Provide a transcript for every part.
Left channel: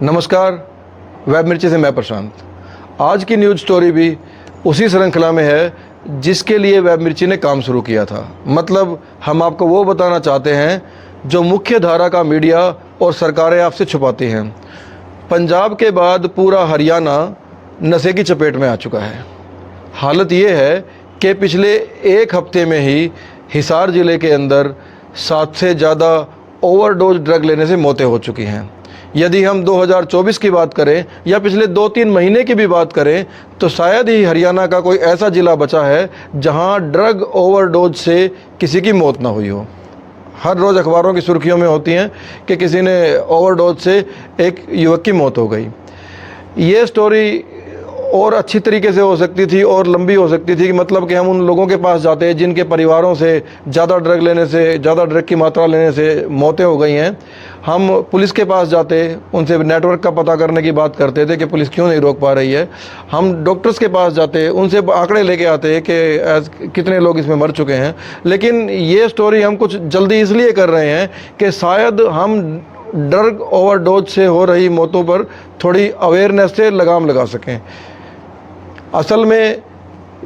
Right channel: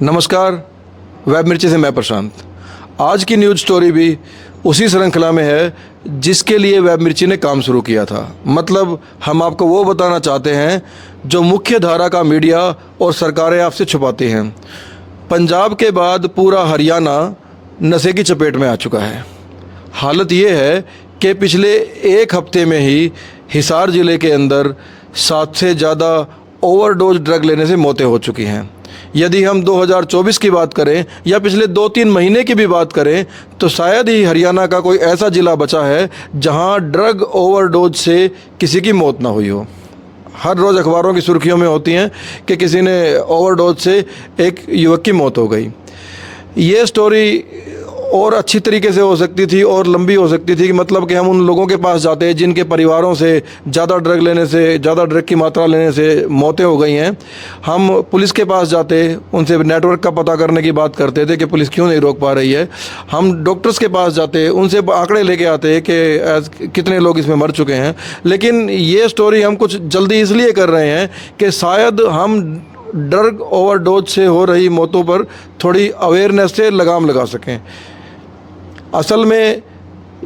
नमस्कार, वेब मिर्ची से मैं प्रशांत। आज की न्यूज़ स्टोरी भी उसी श्रृंखला में है जिसके लिए वेब मिर्ची ने काम शुरू किया था। मतलब हम आपको वो बताना चाहते हैं जो मुख्य धारा का मीडिया और सरकारें आपसे छुपाती हैं। पंजाब के बाद पूरा हरियाणा नशे की चपेट में आ चुका है। हालत ये है कि पिछले एक हफ्ते में ही हिसार ज़िले के अंदर 7 से ज़्यादा ओवरडोज ड्रग लेने से मौतें हो चुकी हैं। यदि हम 2024 की बात करें या पिछले 2-3 महीने की भी बात करें तो शायद ही हरियाणा का कोई ऐसा ज़िला बचा है जहां ड्रग ओवरडोज से किसी की मौत ना हुई हो। हर रोज़ अखबारों की सुर्खियों में होती हैं कि किसी ने ओवरडोज से एक युवक की मौत हो गई। ये स्टोरी और अच्छी तरीके से हो सकती थी और लंबी हो सकती थी कि मतलब कि हम उन लोगों के पास जाते हैं जिनके परिवारों से ज़्यादा ड्रग लेने से, ज़्यादा ड्रग की मात्रा लेने से मौतें हो गई हैं। हम पुलिस के पास जाते, उनसे नेटवर्क का पता करने की बात करते थे कि पुलिस क्यों नहीं रोक पा रही है। हम डॉक्टर्स के पास जाते, उनसे आंकड़े लेके आते कि कितने लोग इसमें मर चुके हैं। लेकिन ये स्टोरी हम कुछ जल्दी इसलिए कर रहे हैं कि शायद हम ड्रग ओवरडोज से हो रही मौतों पर थोड़ी अवेयरनेस से लगाम लगा सकें। असल में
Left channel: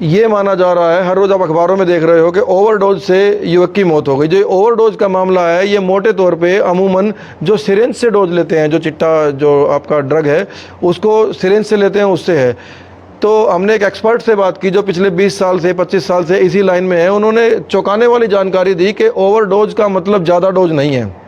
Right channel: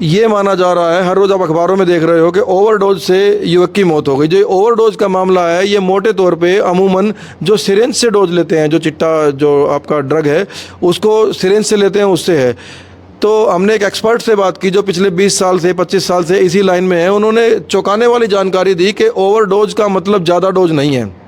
ये माना जा रहा है, हर रोज़ आप अखबारों में देख रहे हो कि ओवरडोज से युवक की मौत हो गई। जो ओवरडोज का मामला है ये मोटे तौर पे अमूमन जो सिरिंज से डोज लेते हैं, जो चिट्टा जो आपका ड्रग है उसको सिरिंज से लेते हैं, उससे है। तो हमने एक एक्सपर्ट से बात की जो पिछले 20 साल से 25 साल से इसी लाइन में है। उन्होंने चौंकाने वाली जानकारी दी कि ओवरडोज का मतलब ज़्यादा डोज नहीं है।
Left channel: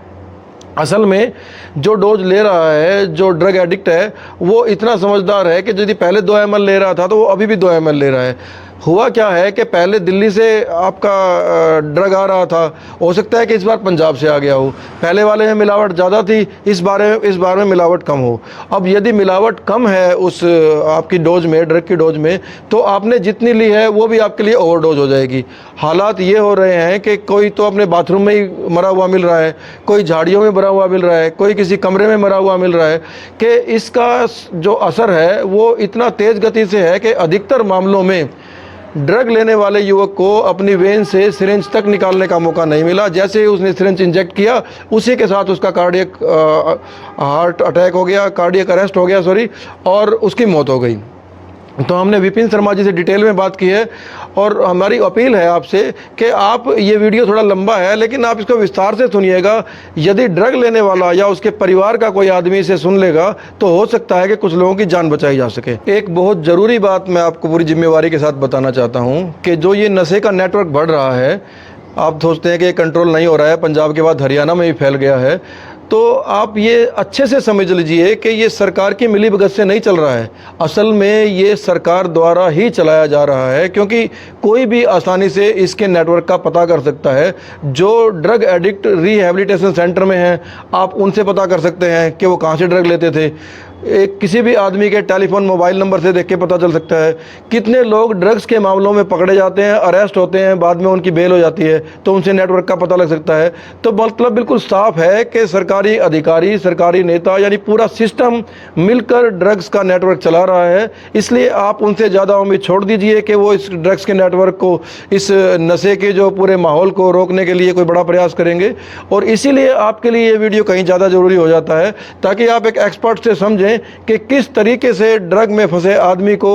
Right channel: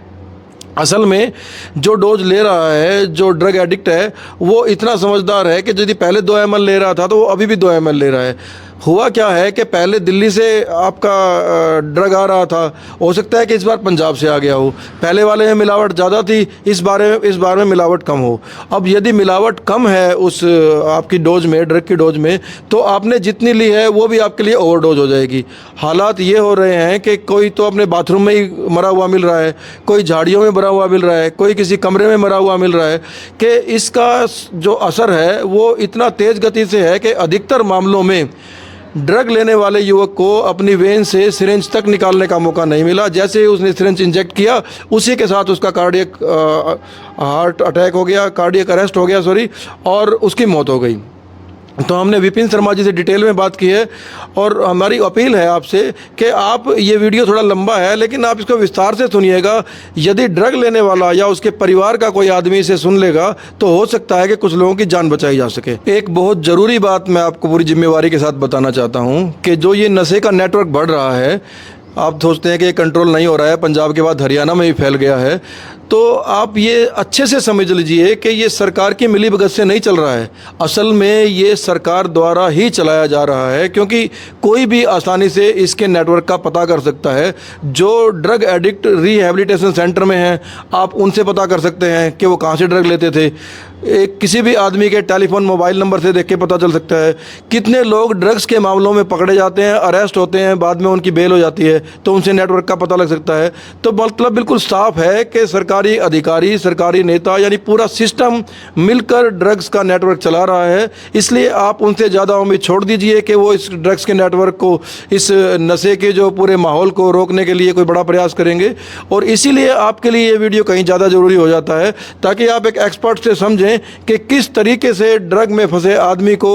असल में जो डोज ले रहा है, जो ड्रग एडिक्ट है, वो इतना समझदार है कि यदि पहले 2 ml ले रहा था तो वो अभी भी 2 ml ले रहा है। हुआ क्या है कि पहले दिल्ली से आपका ड्रग आ रहा था, हो सकता है कि इस बार पंजाब से आ गया हो। पहले वाले में मिलावट ज़्यादा थी, इस बार में मिलावट कम हो। अब यदि मिलावट कम है उस आपकी डोज में, ड्रग की डोज में, तो आपने जितनी ली है वो भी आपके लिए ओवरडोज हो जाएगी। हालात ये हो रहे हैं कि कोई तो अपने बाथरूम में ही मरा हुआ मिल रहा है, कोई झाड़ियों में मरा हुआ मिल रहा है, कोई किसी कमरे में मरा हुआ मिल रहा है। कि इसका जो असर है वो इतना तेज़ गति से है कि अधिकतर मामलों में ड्रग लेने वाले युवक को अपनी वेन से सिरिंज तक निकालने का मौका नहीं मिला। जैसे ही उसने सिरिंज इंजेक्ट किया उसी के साथ उसका कार्डियक हार्ट अटैक हो गया, कार्डियक अरेस्ट हो गया और उसकी मौत हो गई। तो हमने विपिन शर्मा जी से डिटेल में बात की है और हमारी अपील है आपसे कि आप, ये वीडियो थोड़ा लंबा है लेकिन आप इसको विस्तार से सुनिएगा। यदि ड्रग लेने वाला या उसके परिवार का कोई आदमी इसे सुन लेगा तो हो सकता है कि कुछ लोगों की जान बचाई जा सके। एक बहुत ज़रूरी बात मैं आपको पूरी जिम्मेवारी के साथ बताना चाहता हूँ कि जो ये नशे का नेटवर्क बढ़ रहा है, आप सोचते हैं कि कंट्रोल नहीं हो रहा है, पंजाब के बाद हरियाणा में भी फैल गया है, तो आप ये अच्छे से समझ लीजिए कि ये सरकार की मिलीभगत से नहीं चल रहा है। असल में ये सरकार द्वारा ही चलाया जा रहा है, क्योंकि कोई भी आसानी से इसके नेटवर्क का पता कर सकता है। जो ड्रग एडिक्ट रिहैबिलिटेशन सेंटर में हैं, आप उनसे पता कर सकते हैं कि वो कहाँ से ड्रग लेते थे। एक किसी भी आदमी के टेलीफोन मोबाइल नंबर से देख के पता चल सकता है। कितने लोग ड्रग्स के मामलों में पकड़े जाते हैं, अरेस्ट होते हैं, बाद में उनकी बेल हो जाती है, तो उनसे नेटवर्क का पता लग सकता है। तो मतलब बिल्कुल साफ है कि सरकारी अधिकारी, सरकारी नेता यानी पूरा सिस्टम मिलकर ड्रग्स का नेटवर्क चला रहा है। इसलिए आप उनसे ज़्यादा उम्मीद छोड़ दीजिए कि वो इस ड्रग्स के नेटवर्क को, इस नशे के जो पूरे माहौल को रोकने के लिए कोई बड़ा प्रयास करेंगे। और इसीलिए आपके लिए ये वीडियो कहीं ज़्यादा ज़रूरी हो जाता है ताकि आप एक एक्सपर्ट से समझें कि किस तरीके से ड्रग में फंसे आदमी को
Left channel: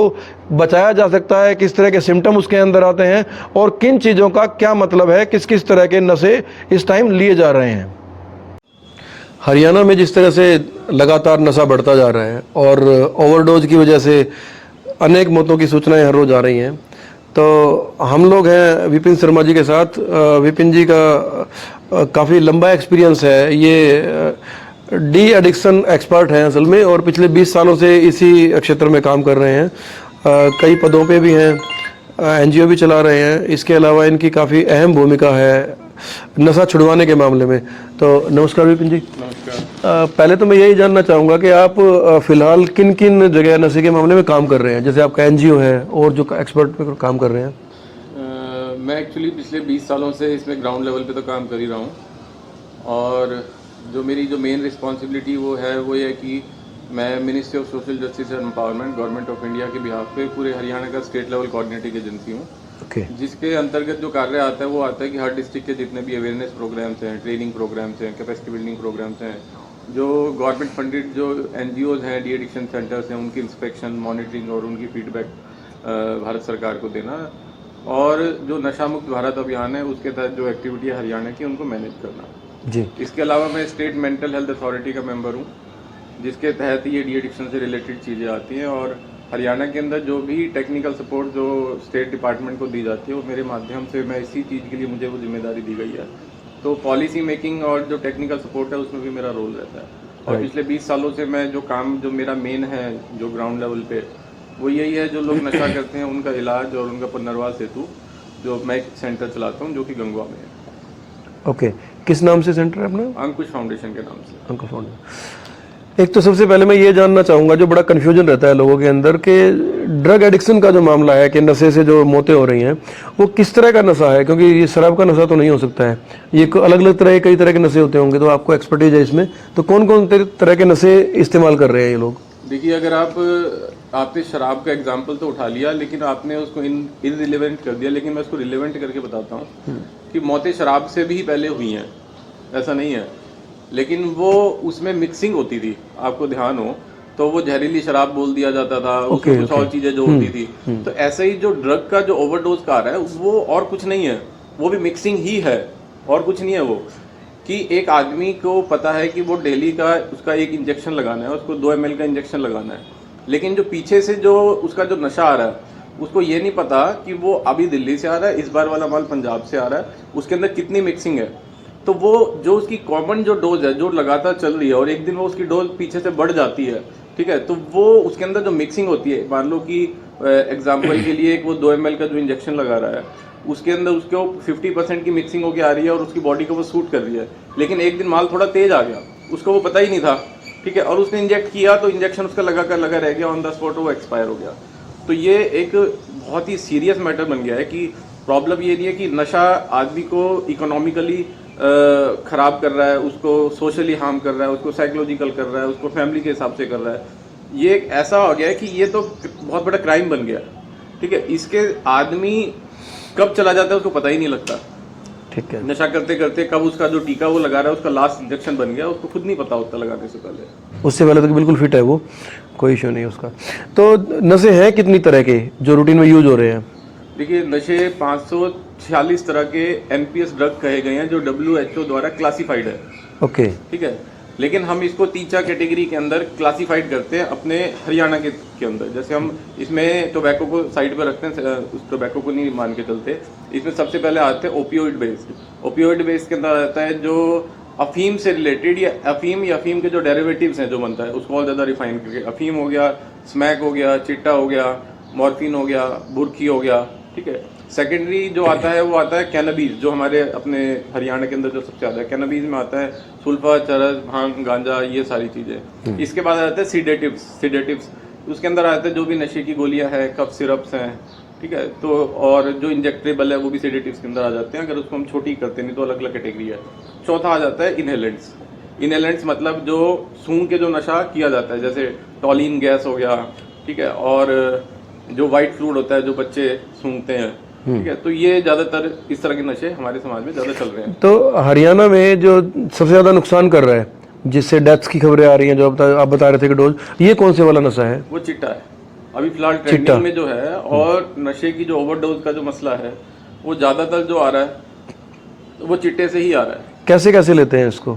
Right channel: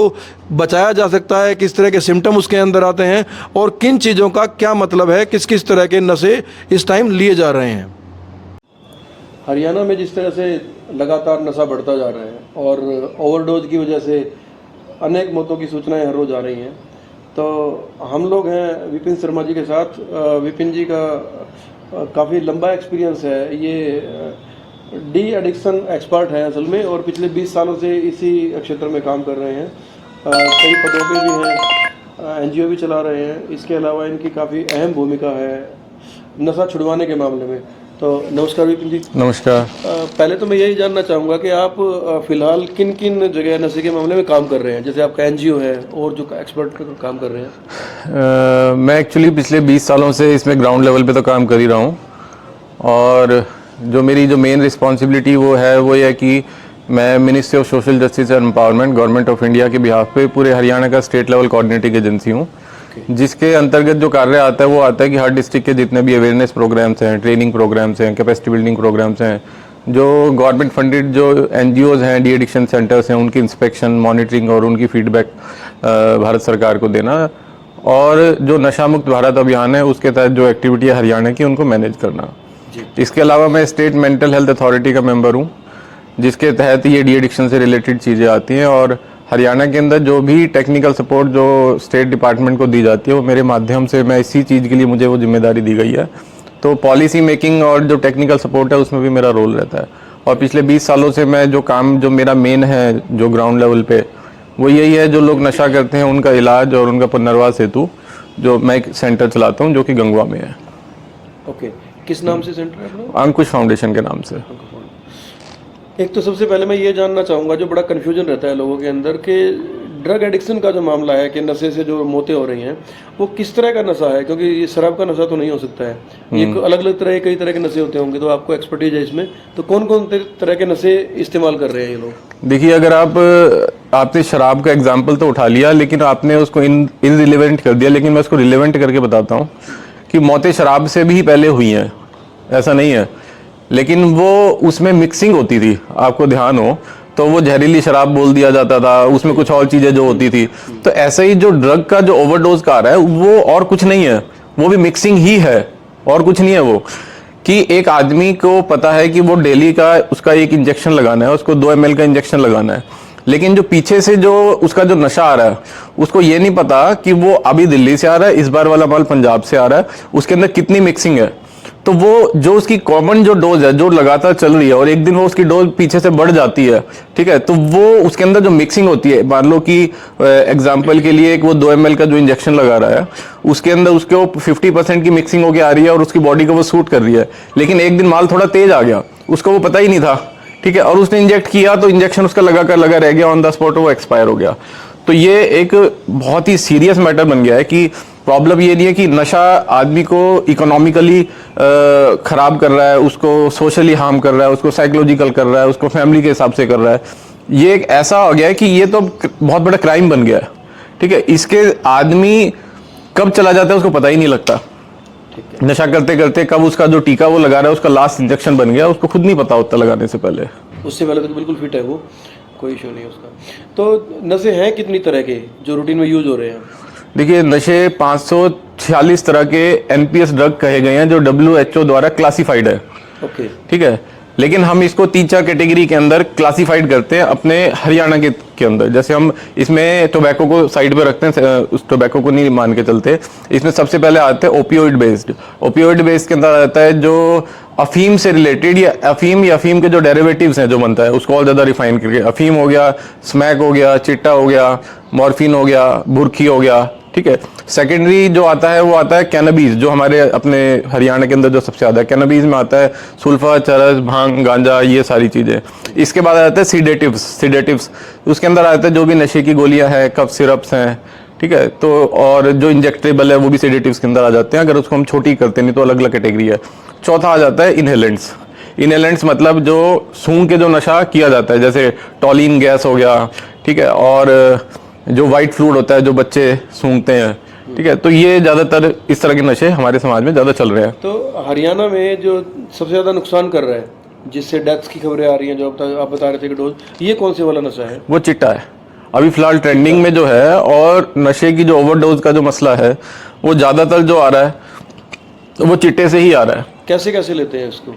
बचाया जा सकता है, किस तरह के सिम्टम उसके अंदर आते हैं और किन चीज़ों का क्या मतलब है, किस किस तरह के नशे इस टाइम लिए जा रहे हैं। हरियाणा में जिस तरह से लगातार नशा बढ़ता जा रहा है और ओवरडोज की वजह से अनेक मौतों की सूचनाएं हर रोज़ आ रही हैं, तो हम लोग हैं विपिन शर्मा जी के साथ। विपिन जी का काफ़ी लंबा एक्सपीरियंस है, ये डी एडिक्शन एक्सपर्ट हैं असल में, और पिछले 20 सालों से इसी क्षेत्र में काम कर रहे हैं। कई पदों पे भी हैं, एनजीओ भी चला रहे हैं। इसके अलावा इनकी काफ़ी अहम भूमिका है नशा छुड़वाने के मामले में। तो नमस्कार विपिन जी। नमस्कार। पहले तो मैं यही जानना चाहूँगा कि आप फिलहाल किन किन जगह नशे के मामले में काम कर रहे हैं, जैसे आपका एनजीओ है और जो एक्सपर्ट काम कर रहे हैं। मैं एक्चुअली पिछले 20 सालों से इसमें ग्राउंड लेवल पे तो काम कर ही रहा हूँ, और जो मेरी मेन रिस्पॉन्सिबिलिटी वो ये है कि मैं ministry of social justice and empowerment, government of India के बिहाफ पे पूरे हरियाणा का स्टेट लेवल कोऑर्डिनेटिंग एजेंसी हूँ। जिसके अंतर्गत जो कार्य आता है वो आता है कि हर डिस्ट्रिक्ट के जितने भी अवेयरनेस प्रोग्राम्स हैं, ट्रेनिंग प्रोग्राम्स हैं, कैपेसिटी बिल्डिंग प्रोग्राम्स हैं, जो गवर्नमेंट फंडेड जो NGOs हैं, डी एडिक्शन सेंटर्स हैं, उनकी इंस्पेक्शन, मॉनिटरिंग और उनकी फीडबैक भारत सरकार को देना, और जो नशा मुक्त भारत अभियान है उसके तहत जो एक्टिविटी है हरियाणा की उनको मैनेज करना जी। इसके अलावा मैं स्टेट मेंटल हेल्थ अथॉरिटी का मेंबर हूँ, जिसके तहत ये डी एडिक्शन से रिलेटेड चीज़ें आती हैं, और हरियाणा के अंदर जो भी टेक्निकल सपोर्ट जो स्टेट डिपार्टमेंट को दी जाती है वो मेरे माध्यम से, मैं इसी चीज़ के लिए मुझे वो जिम्मेदारी दी गई है। तो पॉलिसी मेकिंग और जो टेक्निकल सपोर्ट है उसमें भी मेरा रोल रहता है। और पिछले 20 सालों से मैं जो काम, जो मेरा मेन है जो ग्राउंड लेवल पे, वो यही है, जो लोग नशा करते हैं उनका इलाज और उनका पुनर्वास हेतु जो मैं एक सेंटर चलाता हूँ जो कि गंगवा में है। ओके, किस नाम से सेंटर है अपना? अंकुश फाउंडेशन के नाम से। एक तो सबसे पहले मैं ये जानना चाहूँगा, जो बड़ा कन्फ्यूजन रहता है लोगों के अंदर कि ड्रग एडिक्शन का जो मामला है कि नशे से जो मौतें हो रही हैं, वो किस तरह का नशा है? क्योंकि ये शराब का नशा तो नहीं हो सकता है, ये अलग अलग तरह के, कई तरह के नशे होते होंगे, तो आपको एक्सपर्टीज है इसमें, तो कौन कौन तरह के नशे इस्तेमाल कर रहे हैं ये लोग? देखिए, अगर आपने शराब का एग्जाम्पल तो उठा लिया, लेकिन आपने उसको इनरिलेवेंट कर दिया, लेकिन मैं उसको रिलेवेंट करके बताता हूँ कि मौतें शराब से भी पहले हुई हैं, ऐसा नहीं है, लेकिन वो उसमें मिक्सिंग होती थी, आपको ध्यान हो तो वो जहरीली शराब बोल दिया जाता था, उसमें कुछ और चीजें जो होती थी। तो ऐसा ही जो ड्रग का जो ओवरडोज का आ रहा है वो और कुछ नहीं है, वो भी मिक्सिंग ही है और कुछ नहीं है। वो कि एक आदमी को पता है कि वो डेली का उसका एक इंजेक्शन लगाना है, उसको 2 ml का इंजेक्शन लगाना है, लेकिन जो पीछे से जो उसका जो नशा आ रहा है उसको ये नहीं पता कि वो अभी दिल्ली से आ रहा है, इस बार वाला माल पंजाब से आ रहा है, उसके अंदर कितनी मिक्सिंग है। तो वो जो उसकी कॉमन जो डोज है जो लगातार चल रही है और एक दिन वो उसकी डोज पीछे से बढ़ जाती है, ठीक है, तो वो उसके अंदर जो मिक्सिंग होती है, मान लो कि एग्जांपल के लिए एक वो 2 ml का जो इंजेक्शन लगा रहा है उसके अंदर उसके 50% की मिक्सिंग होके आ रही है और उसकी बॉडी को वो सूट कर रही है, लेकिन एक दिन माल थोड़ा तेज आ गया, उसको वो पता ही नहीं था, ठीक है, और उसने इंजेक्ट किया तो इंजेक्शन उसका लगा रह गया, ऑन द स्पॉट वो एक्सपायर हो गया। तो ये एक बहुत ही सीरियस मैटर बन गया है कि प्रॉब्लम ये नहीं है कि नशा आदमी को इकोनॉमिकली खराब कर रहा है, उसको सोशली हार्म कर रहा है, उसको साइकोलॉजिकल कर रहा है, उसको फैमिली के हिसाब से कर रहा है। ये एक ऐसा हो गया है कि ये तो बहुत बड़ा क्राइम बन गया है, ठीक है। इसके आदमी कब चला जाता है उसको पता ही नहीं लगता, ठीक है। नशा करते करते कब उसका जो टीका वो लगा रहा है उसका लास्ट इंजेक्शन बन गया, उसको खुद नहीं पता होता लगाने से पहले। उससे पहले तो बिल्कुल फिट है वो, कोई इशू नहीं उसका। तो नशे हैं कितनी तरह के जो रूटीन में यूज हो रहे हैं? देखिए, नशे 546 तरह के NPS ड्रग कहे गए हैं जो WHO द्वारा क्लासिफाइड है, ओके, ठीक है, लेकिन हम इसको 3-4 कैटेगरी के अंदर क्लासिफाइड करते हैं अपने हरियाणा के अंदर। जैसे हम इसमें टोबैको को साइड पे रखते हैं, उस टोबैको को नहीं मान के चलते। इसमें सबसे पहले आते हैं ओपियोइड बेस्ड। ओपियोइड बेस्ड के अंदर आता है जो अफीम से रिलेटेड या अफीम के जो डेरिवेटिव्स हैं जो बनता है उसको और ज्यादा रिफाइन करके, अफीम हो गया, स्मैक हो गया, चिट्टा हो गया, मॉर्फिन हो गया, बुरखी हो गया, ठीक है। सेकेंडरी जो आता है वो आता है कैनबीज, जो हमारे अपने हरियाणा के अंदर जो सबसे ज्यादा है, कैनबीज में आता है सुल्फा, चरस, भांग, गांजा, ये सारी चीजें। इसके बाद आता है सीडेटिव्स, उसके अंदर आते हैं जो भी नशे की गोलियां हैं, कफ सिरप्स हैं, ठीक है, तो और जो इंजेक्टेबल है वो भी सीडेटिव्स के अंदर आ जाते हैं, अगर उसको हम छोटी करते नहीं तो अलग अलग कैटेगरी है। चौथा आ जाता है इनहेलेंट्स, मतलब जो सूंघ के जो नशा किया जाता है, जैसे टॉलिन गैस हो गया, ठीक है, और जो व्हाइट फ्लूइड होता है जो बच्चे सूंघते हैं, ठीक है, तो ये ज्यादातर इस तरह के नशे हमारे समाज में ज्यादा चल रहे हैं। तो हरियाणा में जो सबसे ज्यादा नुकसान कर रहा है, जिससे डेथ्स की खबरें आ रही हैं, जो आप बता रहे थे कि डोज, ये कौन से वाला नशा है? वो चिट्टा है, अभी फिलहाल ट्रेंडिंग में जो है, और नशे की जो ओवरडोज का जो मसला है वो ज्यादातर जो आ रहा है वो चिट्टे से ही आ रहा है। कैसे कैसे लेते हैं इसको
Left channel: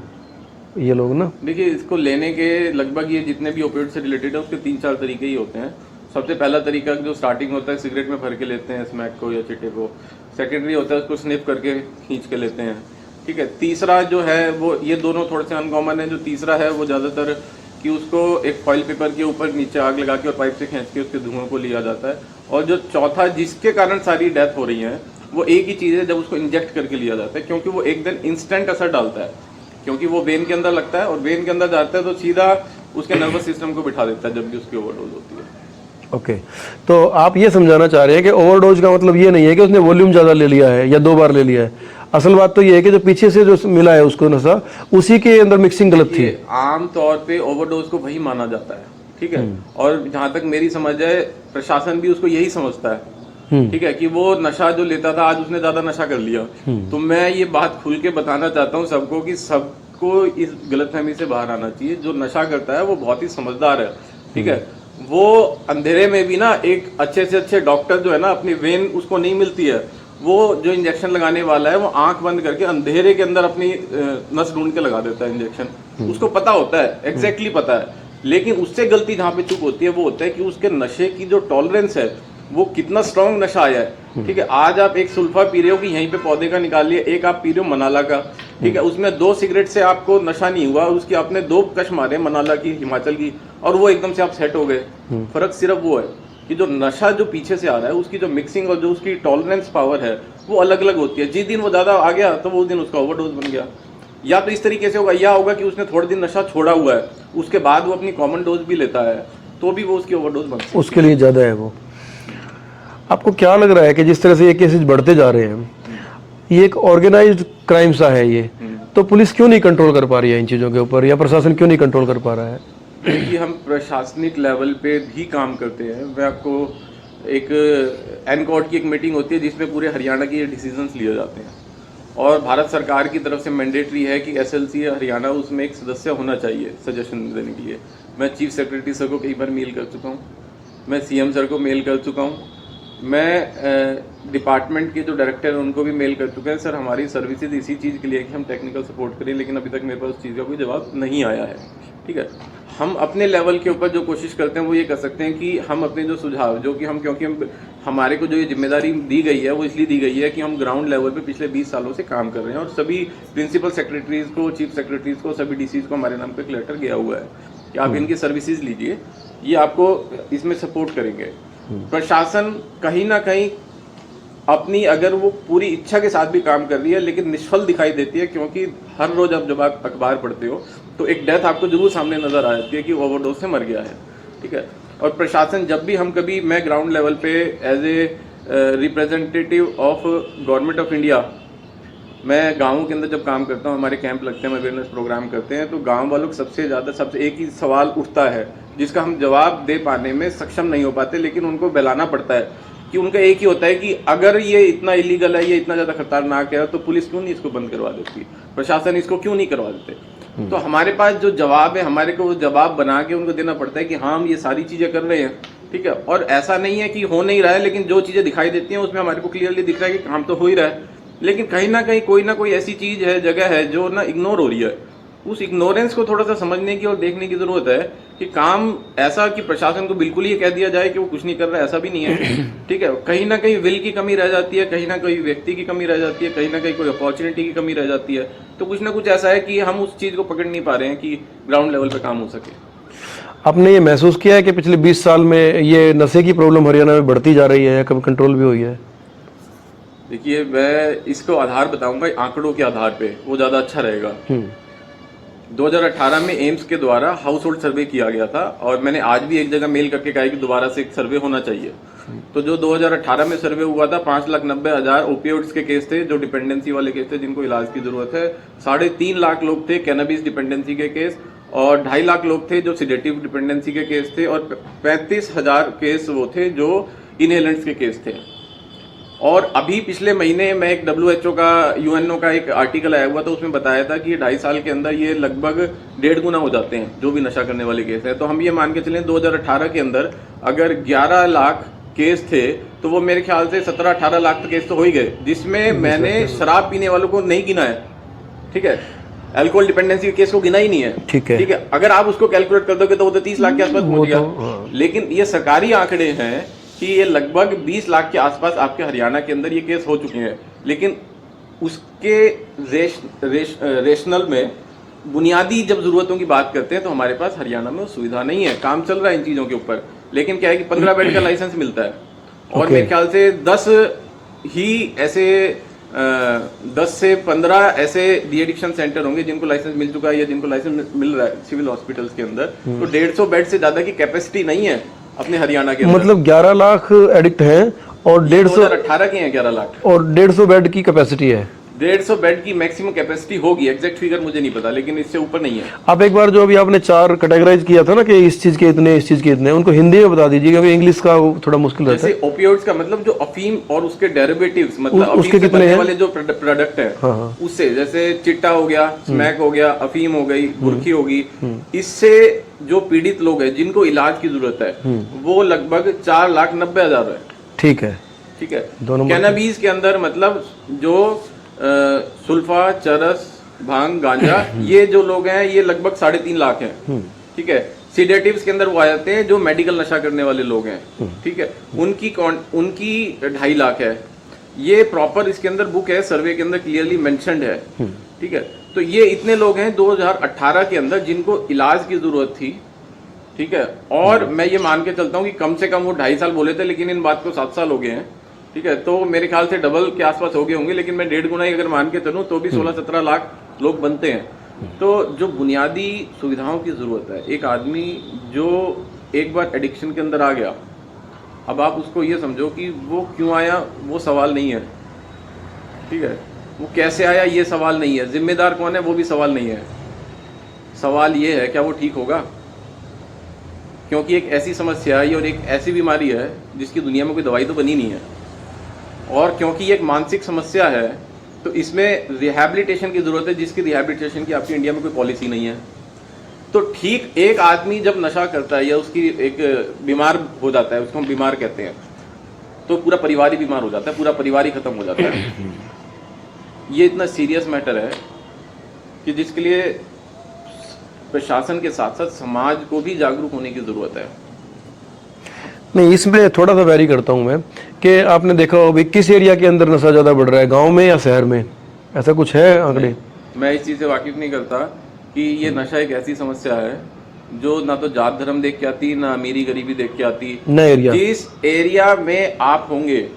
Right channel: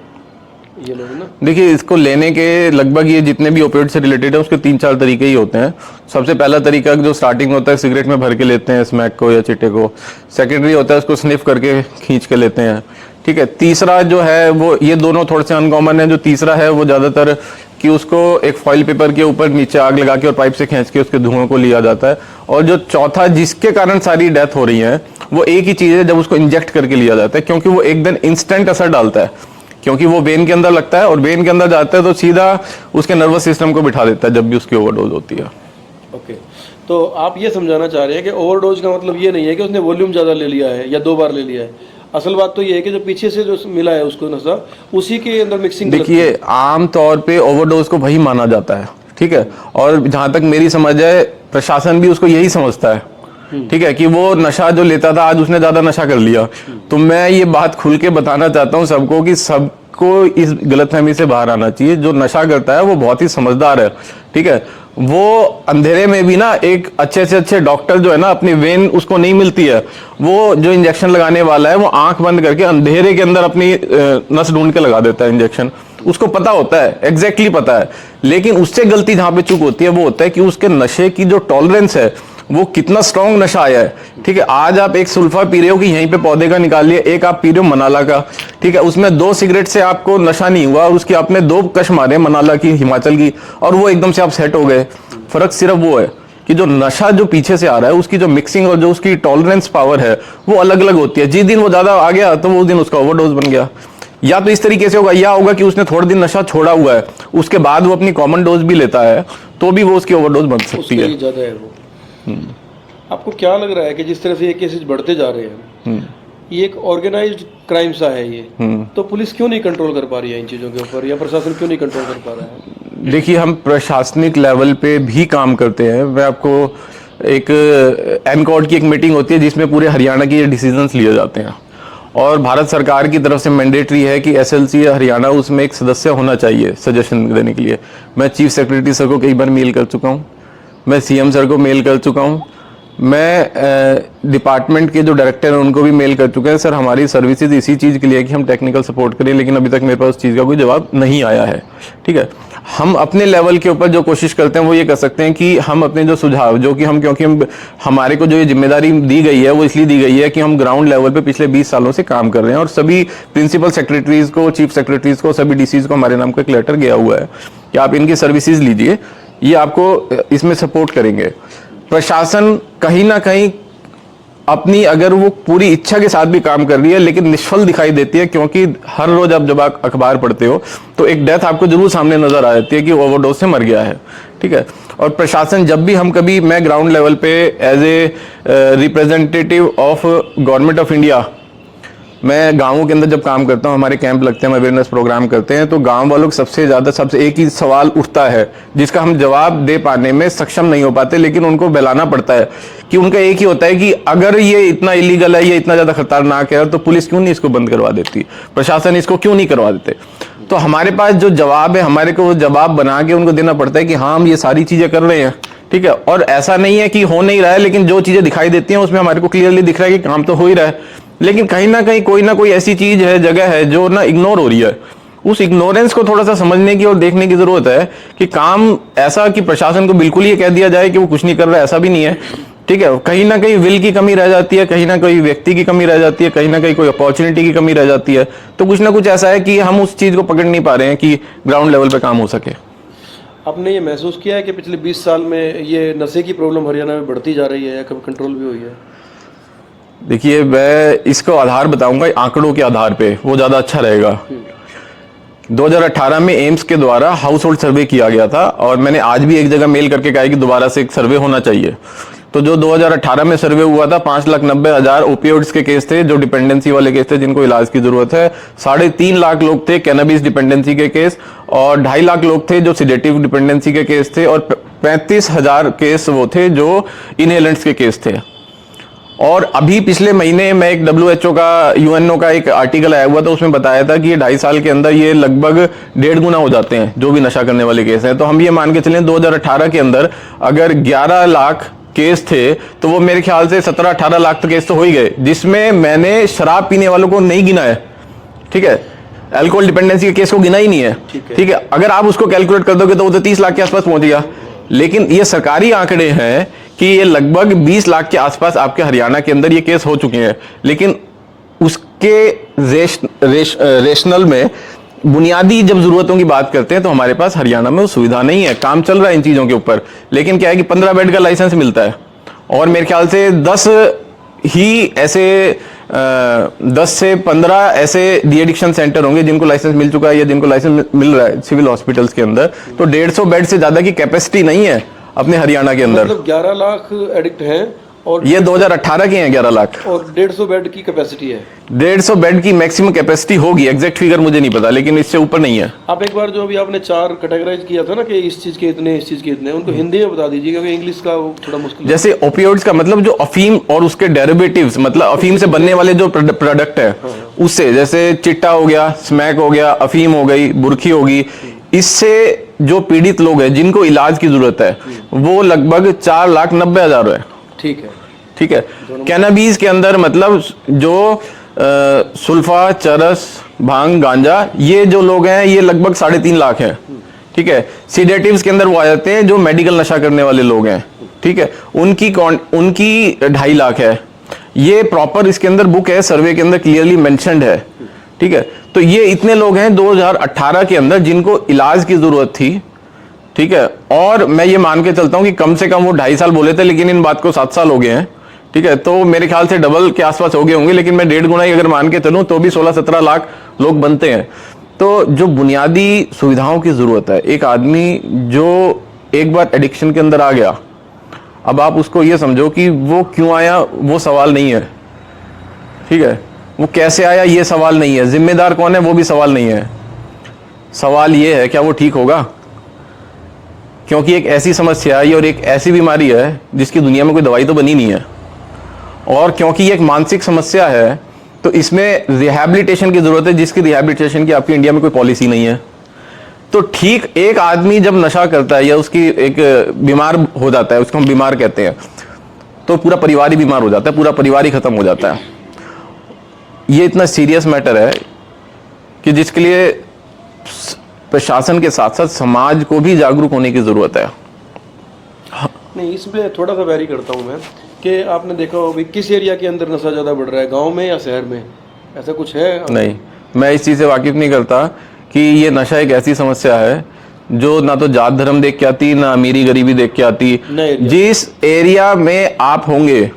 ये लोग ना? देखिए, इसको लेने के लगभग ये जितने भी ओपियोइड से रिलेटेड है उसके 3-4 तरीके ही होते हैं। सबसे पहला तरीका जो स्टार्टिंग होता है, सिगरेट में भर के लेते हैं स्मैक को या चिट्टे को। सेकेंडरी होता है उसको स्निफ करके खींच के लेते हैं, ठीक है। तीसरा जो है वो, ये दोनों थोड़े से अनकॉमन है। जो तीसरा है वो ज्यादातर कि उसको एक फॉइल पेपर के ऊपर नीचे आग लगा के और पाइप से खींच के उसके धुआं को लिया जाता है। और जो चौथा जिसके कारण सारी डेथ हो रही है वो एक ही चीज है, जब उसको इंजेक्ट करके लिया जाता है, क्योंकि वो एकदम इंस्टेंट असर डालता है, क्योंकि वो वेन के अंदर लगता है और वेन के अंदर जाता है तो सीधा उसके नर्वस सिस्टम को बिठा देता है जब भी उसकी ओवरडोज होती है। ओके, तो आप ये समझाना चाह रहे हैं कि ओवरडोज का मतलब ये नहीं है कि उसने वॉल्यूम ज्यादा ले लिया है या 2 बार ले लिया है। असल बात तो ये है कि जो पीछे से जो मिला है उसको नशा, उसी के अंदर मिक्सिंग गलत है। देखिए, आम तौर पे ओवरडोज को वही माना जाता है, ठीक है, और जहां तक मेरी समझ है प्रशासन भी उसको यही समझता है, ठीक है, कि वो नशा जो लेता था आज उसने ज्यादा नशा कर लिया। तो मैं ये बात खुल के बताना चाहता हूँ सबको कि सब को इस गलतफहमी से बाहर आना चाहिए। जो नशा करता है वो बहुत ही समझदार है, ठीक है। वो अंधेरे में भी ना एक अच्छे से अच्छे डॉक्टर जो है ना, अपनी वेन उसको नहीं मिलती है, वो जो इंजेक्शन लगाने वाला है वो आंख बंद करके अंधेरे के अंदर अपनी नस ढूंढ के लगा देता है इंजेक्शन। उसको पता होता है, एग्जैक्टली पता है, लेकिन उससे गलती जहां पे चूक होती है वो होता है कि उसके नशे की जो टॉलरेंस है वो कितना स्ट्रॉन्ग नशा आया है, ठीक है। आज आप एक सुल्फा पी रहे हो कि यहीं पे पौधे का निकाल लिया, एक आप पी रहे हो मनाला का, ठीक है। उसमें 2 सिगरेट से आपको नशा नहीं हुआ और उसकी आपने 2 कश मारे मनाला की, हिमाचल की, और वो एकदम से आप सेट हो गए। फर्क सिर्फ वो है कि जो नशा जो पीछे से आ रहा है उसकी जो मिक्सिंग और जो उसकी टॉलरेंस पावर है वो अलग अलग होती है। जिस दिन वो ज्यादा आ गया तो वो उस दिन उसका ओवरडोज बन गया। या तो इस तरीके से होगा, या होगा कि उसने थोड़े दिन नशा छोड़ा हुआ है, उसके बाद वो अपनी कॉमन डोज भी लेता है, तो भी वो उसकी ओवरडोज बन सकती है। उसके लिए ज्यादा है वो। आपको क्या लग रहा है कि जिस तरह से ये केसेस बढ़ते जा रहे हैं, ये एक ऑर्गेनाइज्ड क्राइम सा है ये, तो पुलिस क्यों नहीं कंट्रोल कर पा रही है इन चीजों के ऊपर, या प्रशासन क्यों नहीं कंट्रोल कर पा रहा है? देखिए, हम प्रशासनिक लेवल पे भी काम करते हैं। मैं आपको एक एनकॉर्ड की एक मीटिंग होती है जिसमें पूरे हरियाणा के ये डिसीजंस लिए जाते हैं, और भारत सरकार की तरफ से मैंडेटरी है कि एसएलसी हरियाणा उसमें एक सदस्य होना चाहिए सजेशन देने के लिए। मैं चीफ सेक्रेटरी सर को कई बार मेल कर चुका हूँ, मैं सीएम सर को मेल कर चुका हूँ, मैं डिपार्टमेंट के जो डायरेक्टर हैं उनको भी मेल कर चुके हैं, सर हमारी सर्विसेज इसी चीज़ के लिए कि हम टेक्निकल सपोर्ट करें, लेकिन अभी तक मेरे पास उस चीज़ का कोई जवाब नहीं आया है, ठीक है। हम अपने लेवल के ऊपर जो कोशिश करते हैं वो ये कर सकते हैं कि हम अपने जो सुझाव, जो कि हम, क्योंकि हम हमारे को जो ये जिम्मेदारी दी गई है वो इसलिए दी गई है कि हम ग्राउंड लेवल पे पिछले 20 सालों से काम कर रहे हैं, और सभी प्रिंसिपल सेक्रेटरीज को, चीफ सेक्रेटरीज को, सभी डीसीज को हमारे नाम का एक लेटर गया हुआ है कि आप इनकी सर्विसेज लीजिए, ये आपको इसमें सपोर्ट करेंगे। प्रशासन कहीं ना कहीं अपनी, अगर वो पूरी इच्छा के साथ भी काम कर रही है, लेकिन निष्फल दिखाई देती है, क्योंकि हर रोज आप जब आप अखबार पढ़ते हो तो एक डेथ आपको जरूर सामने नजर आ जाती है कि ओवरडोज से मर गया है, ठीक है। और प्रशासन जब भी हम कभी, मैं ग्राउंड लेवल पे as a representative of government of India, मैं गांवों के अंदर जब काम करता हूं, हमारे कैंप लगते हैं, हम अवेयरनेस प्रोग्राम करते हैं, तो गांव वालों को सबसे ज्यादा एक ही सवाल उठता है जिसका हम जवाब दे पाने में सक्षम नहीं हो पाते, लेकिन उनको बहलाना पड़ता है कि उनका एक ही होता है कि अगर ये इतना इलीगल है, ये इतना ज्यादा खतरनाक है, तो पुलिस क्यों नहीं इसको बंद करवा देती, प्रशासन इसको क्यों नहीं करवा देते। तो हमारे पास जो जवाब है, हमारे को वो जवाब बना के उनको देना पड़ता है कि हाँ हम ये सारी चीजें कर रहे हैं, ठीक है। और ऐसा नहीं है कि हो नहीं रहा है, लेकिन जो चीजें दिखाई देती हैं उसमें हमारे को क्लियरली दिख रहा है कि काम तो हो ही रहा है, लेकिन कहीं ना कहीं कोई ना कोई ऐसी चीज है, जगह है जो ना इग्नोर हो रही है। उस इग्नोरेंस को थोड़ा सा समझने की और देखने की जरूरत है कि काम ऐसा कि प्रशासन को बिल्कुल ये कह दिया जाए कि वो कुछ नहीं कर रहा है, ऐसा भी नहीं है, ठीक है। कहीं ना कहीं विल की कमी रह जाती है, कहीं ना कहीं व्यक्ति की कमी रह जाती है, कहीं ना कहीं कोई अपॉर्चुनिटी की कमी रह जाती है, तो कुछ ना कुछ ऐसा है कि हम उस चीज को पकड़ नहीं पा रहे हैं कि ग्राउंड लेवल पे काम हो सके। आपने ये महसूस किया है कि पिछले 20 साल में ये नशे की प्रॉब्लम हरियाणा में बढ़ती जा रही है, या कभी कंट्रोल भी हुई है? देखिए, मैं इसको आधार बताऊंगा आंकड़ों के आधार पे, वो ज्यादा अच्छा रहेगा। 2018 में एम्स के द्वारा हाउस होल्ड सर्वे किया गया था, और मैंने आज भी एक जगह मेल करके कहा है कि दोबारा से एक सर्वे होना चाहिए। तो जो 2018 में सर्वे हुआ था, 5,90,000 ओपियोइड्स के केस थे, जो डिपेंडेंसी वाले केस थे, जिनको इलाज की जरूरत है। 3.5 लाख लोग थे कैनबिस डिपेंडेंसी के केस, और 2.5 लाख लोग थे जो सिडेटिव डिपेंडेंसी के केस थे, और 35,000 केस वो थे जो इनहेलेंट्स के केस थे। और अभी पिछले महीने मैं एक WHO का, UNO का एक आर्टिकल आया हुआ था, उसमें बताया था कि ये 2.5 साल के अंदर ये लगभग 1.5 गुना हो जाते हैं जो भी नशा करने वाले केस हैं। तो हम ये मान के चलें 2018 के अंदर अगर 11 लाख केस थे, तो वो मेरे ख्याल से 17-18 लाख तो केस तो हो ही गए, जिसमें मैंने शराब पीने वालों को नहीं गिना है, ठीक है। अल्कोहल डिपेंडेंसी के केस को गिना ही नहीं है, ठीक है। अगर आप उसको कैलकुलेट कर दोगे तो वो तो 30 लाख के आसपास पहुंच गया। लेकिन ये सरकारी आंकड़े हैं कि ये लगभग 20 लाख के आसपास आपके हरियाणा के अंदर ये केस हो चुके हैं, लेकिन उसके रेशनल में बुनियादी जब जरूरतों की बात करते हैं तो हमारे पास हरियाणा में वो सुविधा नहीं है। काम चल रहा है इन चीजों के ऊपर, लेकिन क्या है कि 15 बेड का लाइसेंस मिलता है, और मेरे ख्याल से 10 ही ऐसे 10 से 15 ऐसे डी एडिक्शन सेंटर होंगे जिनको लाइसेंस मिल चुका है, या जिनको लाइसेंस मिल रहा है सिविल हॉस्पिटल्स के अंदर। तो 150 बेड से ज्यादा की कैपेसिटी नहीं है अपने हरियाणा के अंदर। मतलब 11 लाख एडिक्ट हैं, और ये 2018 के हैं 11 लाख। और 150 बेड की कैपेसिटी है। 150 बेड की मैक्सिमम कैपेसिटी होगी, एग्जैक्ट फिगर मुझे नहीं पता, लेकिन इससे ऊपर नहीं है। आप एक बार जो अभी आपने 4 कैटेगराइज किया था ना कि इस चीज के इतने, इस चीज के इतने, उनको हिंदी में बता दीजिए क्योंकि इंग्लिश का वो थोड़ा मुश्किल है। जैसे ओपियोइड्स का मतलब जो अफीम और उसके डेरिवेटिव्स, मतलब अफीम से बनने वाले जो प्रोडक्ट है उससे, जैसे चिट्टा हो गया, स्मैक हो गया, अफीम हो गई, बुरखी होगी, इससे जो पीड़ित लोग हैं जिनको इलाज की जरूरत है वो लगभग 4,90,000 है। ठीक है, ठीक है। कैनाबीज के अंदर मतलब जो सुल्फा, चरस, भांग, गांजा, ये जो लोग हैं ये लगभग 3.5 लाख है। ठीक है। सीडेटिव्स के अंदर वो आ जाते हैं जो मेडिकल नशा करने वाले लोग हैं। ठीक है, उनकी 2.5 लाख है। ये प्रॉपर इसके अंदर बुक है, सर्वे के अंदर क्लियरली मेंशन्ड है। ठीक है, तो ये इतने लोग हैं 2018 के अंदर जिनको इलाज की जरूरत थी। ठीक है, और मैं ये मान के चलता हूं कि कम से कम वो 2.5 साल बोले थे, लेकिन इन बात को 7 साल हो गए हैं। ठीक है, तो मेरे ख्याल से डबल के आसपास हो गए होंगे, लेकिन मैं 1.5 गुना ही अगर मान के चलूं तो भी 16-17 लाख लोग बनते हैं। तो जो बुनियादी सुविधाओं की जरूरत है, एक आदमी जो एक बार एडिक्शन के अंदर आ गया, अब आप उसको ये समझो कि वो क्यों आया वो सवाल नहीं है। ठीक है, वो कैसे आया ये सवाल नहीं है, जिम्मेदार कौन है वो भी सवाल नहीं है। सवाल ये है क्या वो ठीक होगा, क्योंकि एक ऐसी समस्या है और एक ऐसी बीमारी है जिसकी दुनिया में कोई दवाई तो बनी नहीं है, और क्योंकि ये एक मानसिक समस्या है तो इसमें रिहैबिलिटेशन की जरूरत है, जिसकी रिहैबिलिटेशन की आपकी इंडिया में कोई पॉलिसी नहीं है। तो ठीक एक आदमी जब नशा करता है या उसकी एक बीमार हो जाता है, उसको हम बीमार कहते हैं, तो पूरा परिवार ही बीमार हो जाता है, पूरा परिवार ही खत्म हो जाता है। ये इतना सीरियस मैटर है कि जिसके लिए प्रशासन के साथ साथ समाज को भी जागरूक होने की जरूरत है। नहीं, इसमें थोड़ा सा वैरी करता हूं मैं कि आपने देखा हो किस एरिया के अंदर नशा ज्यादा बढ़ रहा है, गांव में या शहर में, ऐसा कुछ है? नहीं, मैं इस चीज से वाकिफ नहीं करता कि ये नशा एक ऐसी समस्या है जो ना तो जात धर्म देख के आती, ना अमीरी गरीबी देख के आती। जिस एरिया में आप होंगे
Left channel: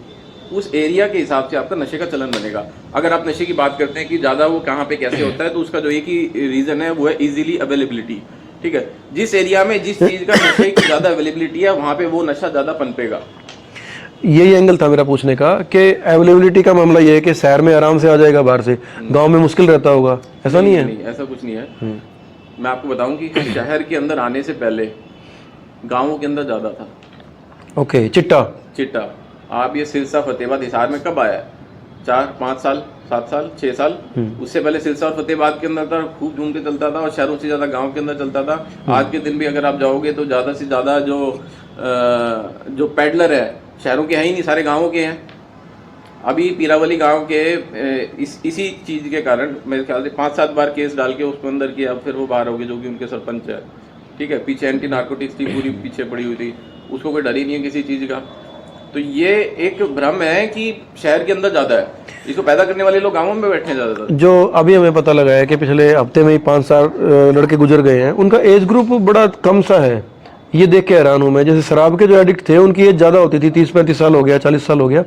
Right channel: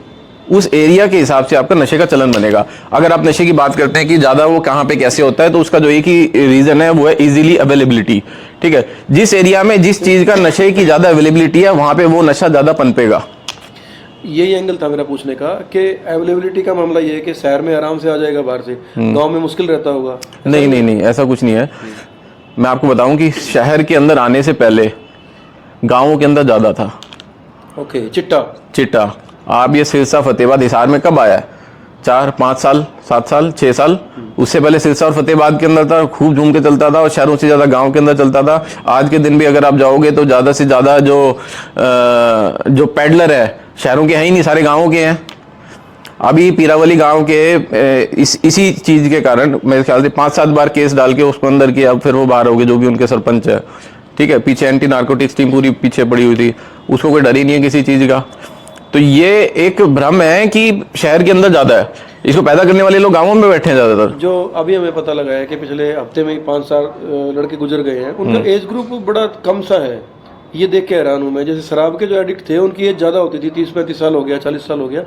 उस एरिया के हिसाब से आपका नशे का चलन बनेगा। अगर आप नशे की बात करते हैं कि ज्यादा वो कहाँ पे कैसे होता है, तो उसका जो एक ही रीजन है वो है इजीली अवेलेबिलिटी। ठीक है, जिस एरिया में जिस चीज का नशे की ज्यादा अवेलेबिलिटी है वहां पे वो नशा ज्यादा पनपेगा। यही एंगल था मेरा पूछने का कि अवेलेबिलिटी का मामला ये है कि शहर में आराम से आ जाएगा बाहर से, गांव में मुश्किल रहता होगा। नहीं, ऐसा कुछ नहीं है। मैं आपको बताऊं कि शहर के अंदर आने से पहले गांवों के अंदर ज्यादा था। ओके, चिट्टा आप ये सिरसा फतेहाबाद हिसार में कब आया? 4-5 साल, 7 साल, 6 साल। उससे पहले सिरसा और फतेहाबाद के अंदर था, खूब झूम के चलता था और शहरों से ज्यादा गांव के अंदर चलता था। आज के दिन भी अगर आप जाओगे तो ज्यादा से ज्यादा जो पेडलर है शहरों के हैं ही नहीं, सारे गांवों के हैं। अभी पीरावली गांव के इसी चीज के कारण मेरे ख्याल से 5-7 बार केस डाल के उसको अंदर किया, अब फिर वो बाहर हो गए जो भी उनके सरपंच है। ठीक है, पीछे एंटी नार्कोटिक्स टीम पूरी पीछे पड़ी हुई थी, उसको कोई डर ही नहीं है किसी चीज का। तो ये एक भ्रम है कि शहर के अंदर ज्यादा है, इसको पैदा करने वाले लोग गांवों में बैठे हैं ज्यादातर। जो अभी हमें पता लगा है कि पिछले हफ्ते में ही 5 लड़के गुजर गए हैं, उनका एज ग्रुप बड़ा कम सा है, ये देख के हैरान हूं मैं। जैसे शराब के जो एडिक्ट थे उनकी एज ज्यादा होती थी, 30-35 साल हो गया, 40 साल हो गया।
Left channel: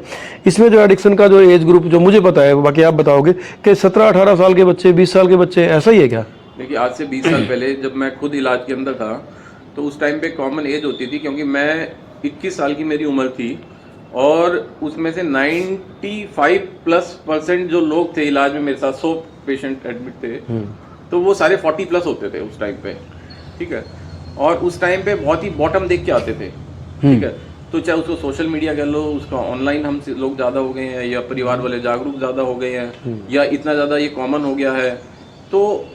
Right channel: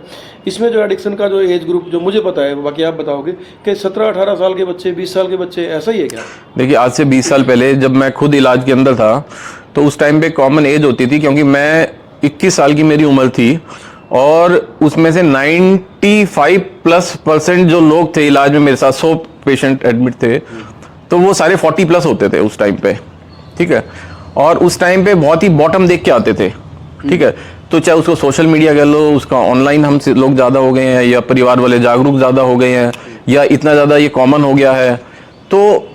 इसमें जो एडिक्शन का जो एज ग्रुप जो मुझे पता है, बाकी आप बताओगे कि 17-18 साल के बच्चे, 20 साल के बच्चे, ऐसा ही है क्या? देखिए, आज से 20 साल पहले जब मैं खुद इलाज के अंदर था तो उस टाइम पे कॉमन एज होती थी, क्योंकि मैं 21 साल की मेरी उम्र थी और उसमें से 95+% जो लोग थे इलाज में मेरे साथ, 100 पेशेंट एडमिट थे, तो वो सारे 40+ होते थे उस टाइम पे। ठीक है, और उस टाइम पे बहुत ही बॉटम देख के आते थे। ठीक है, तो चाहे उसको सोशल मीडिया कह लो, उसका ऑनलाइन हम लोग ज्यादा हो गए हैं, या परिवार वाले जागरूक ज्यादा हो गए हैं, या इतना ज्यादा ये कॉमन हो गया है। तो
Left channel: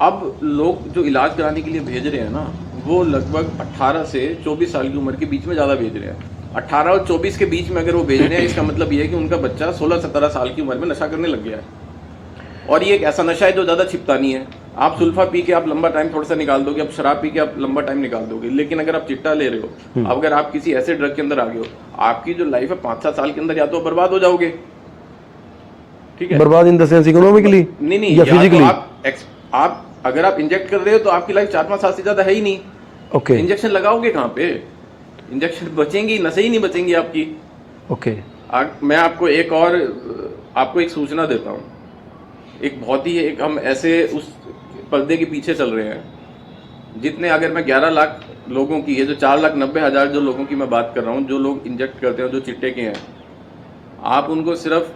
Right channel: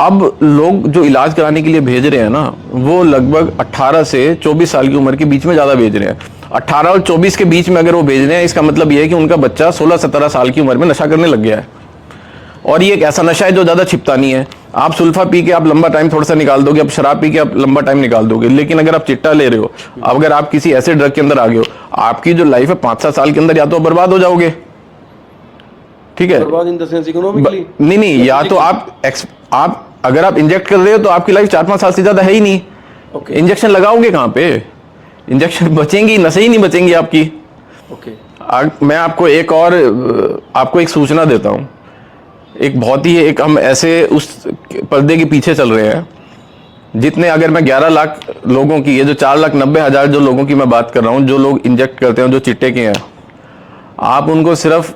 अब लोग जो इलाज कराने के लिए भेज रहे हैं ना, वो लगभग 18 से 24 साल की उम्र के बीच में ज्यादा भेज रहे हैं। 18 और 24 के बीच में अगर वो भेज रहे हैं, इसका मतलब ये है कि उनका बच्चा 16-17 साल की उम्र में नशा करने लग गया है। और ये एक ऐसा नशा है जो ज्यादा छिपता नहीं है। आप सुल्फा पी के आप लंबा टाइम थोड़ा सा निकाल दोगे, आप शराब पी के आप लंबा टाइम निकाल दोगे, लेकिन अगर आप चिट्टा ले रहे हो, अगर आप किसी ऐसे ड्रग के अंदर आ गए हो, आपकी जो लाइफ है 5-7 साल के अंदर या तो बर्बाद हो जाओगे। ठीक है, बर्बाद इन द सेंस इकोनॉमिकली? नहीं, या तो आप अगर आप इंजेक्ट कर रहे हो तो आपकी लाइफ 4-5 साल से ज्यादा है ही नहीं। ओके, इंजेक्शन लगाओगे कहां पे? इंजेक्शन बचेंगी, नशे ही नहीं बचेंगी आपकी। ओके, मैं आपको एक सूचना देता हूं। एक बहुत ही हम ऐसे उस पर्दे के पीछे चल रहे हैं जितने, अगर मैं 11 लाख लोगों की, ये जो 4,90,000 जो लोगों की मैं बात कर रहा हूं, जो लोग इंजेक्ट करते हैं, जो चिट्टे के हैं, आप उनको सिर्फ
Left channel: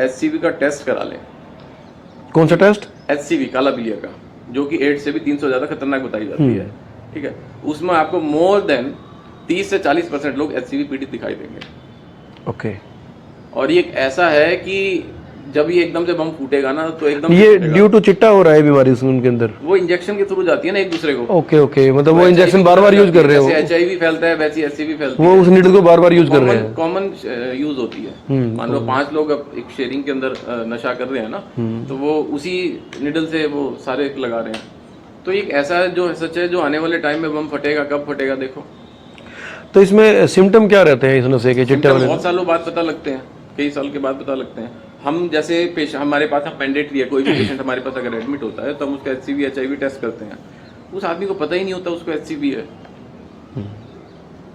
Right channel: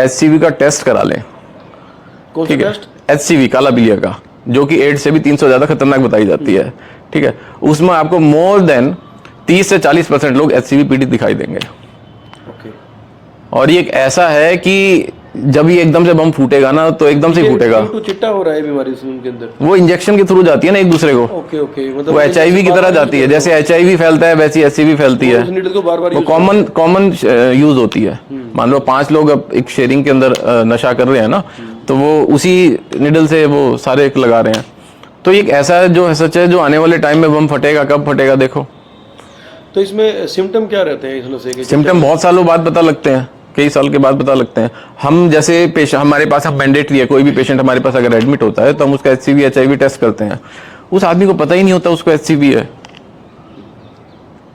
HCV का टेस्ट करा लें। कौन सा ठीक है? टेस्ट? HCV काला पीलिया का, जो कि एड्स से भी 300 ज्यादा खतरनाक बताई जाती है। ठीक है, उसमें आपको मोर देन 30 से 40% लोग HCV पीड़ित दिखाई देंगे। ओके। और ये एक ऐसा है कि जब ये एकदम से बम फूटेगा ना, तो एकदम से ये फूटेगा। ड्यू टू चिट्टा हो रहा है बीमारी उसमें उनके अंदर। वो इंजेक्शन के थ्रू जाती है ना एक दूसरे को। ओके ओके, मतलब वो HIV की तरह जाती है, जैसे है HIV फैलता है वैसी HCV फैलती है। उस नीडल को बार बार यूज कॉमन यूज होती है। मान लो 5 लोग अब एक शेयरिंग के अंदर नशा कर रहे हैं ना, तो वो उसी निडल से वो सारे एक लगा रहे हैं। तो एक ऐसा है जो सच है, जो आने वाले टाइम में बम फटेगा, कब फटेगा देखो। तो इसमें सिम्टम क्या रहते हैं इस नशे के? सिम्टम बहुत सालों बाद पता लगते हैं, कई साल के बाद पता लगते हैं। हम जैसे पेशेंट, हमारे पास अब मैंडेटरी है, कोई भी पेशेंट हमारे पास अगर एडमिट होता है तो हम उसका HCV HIV टेस्ट करते हैं। उस आदमी को पता ही नहीं होता उसको HCV है।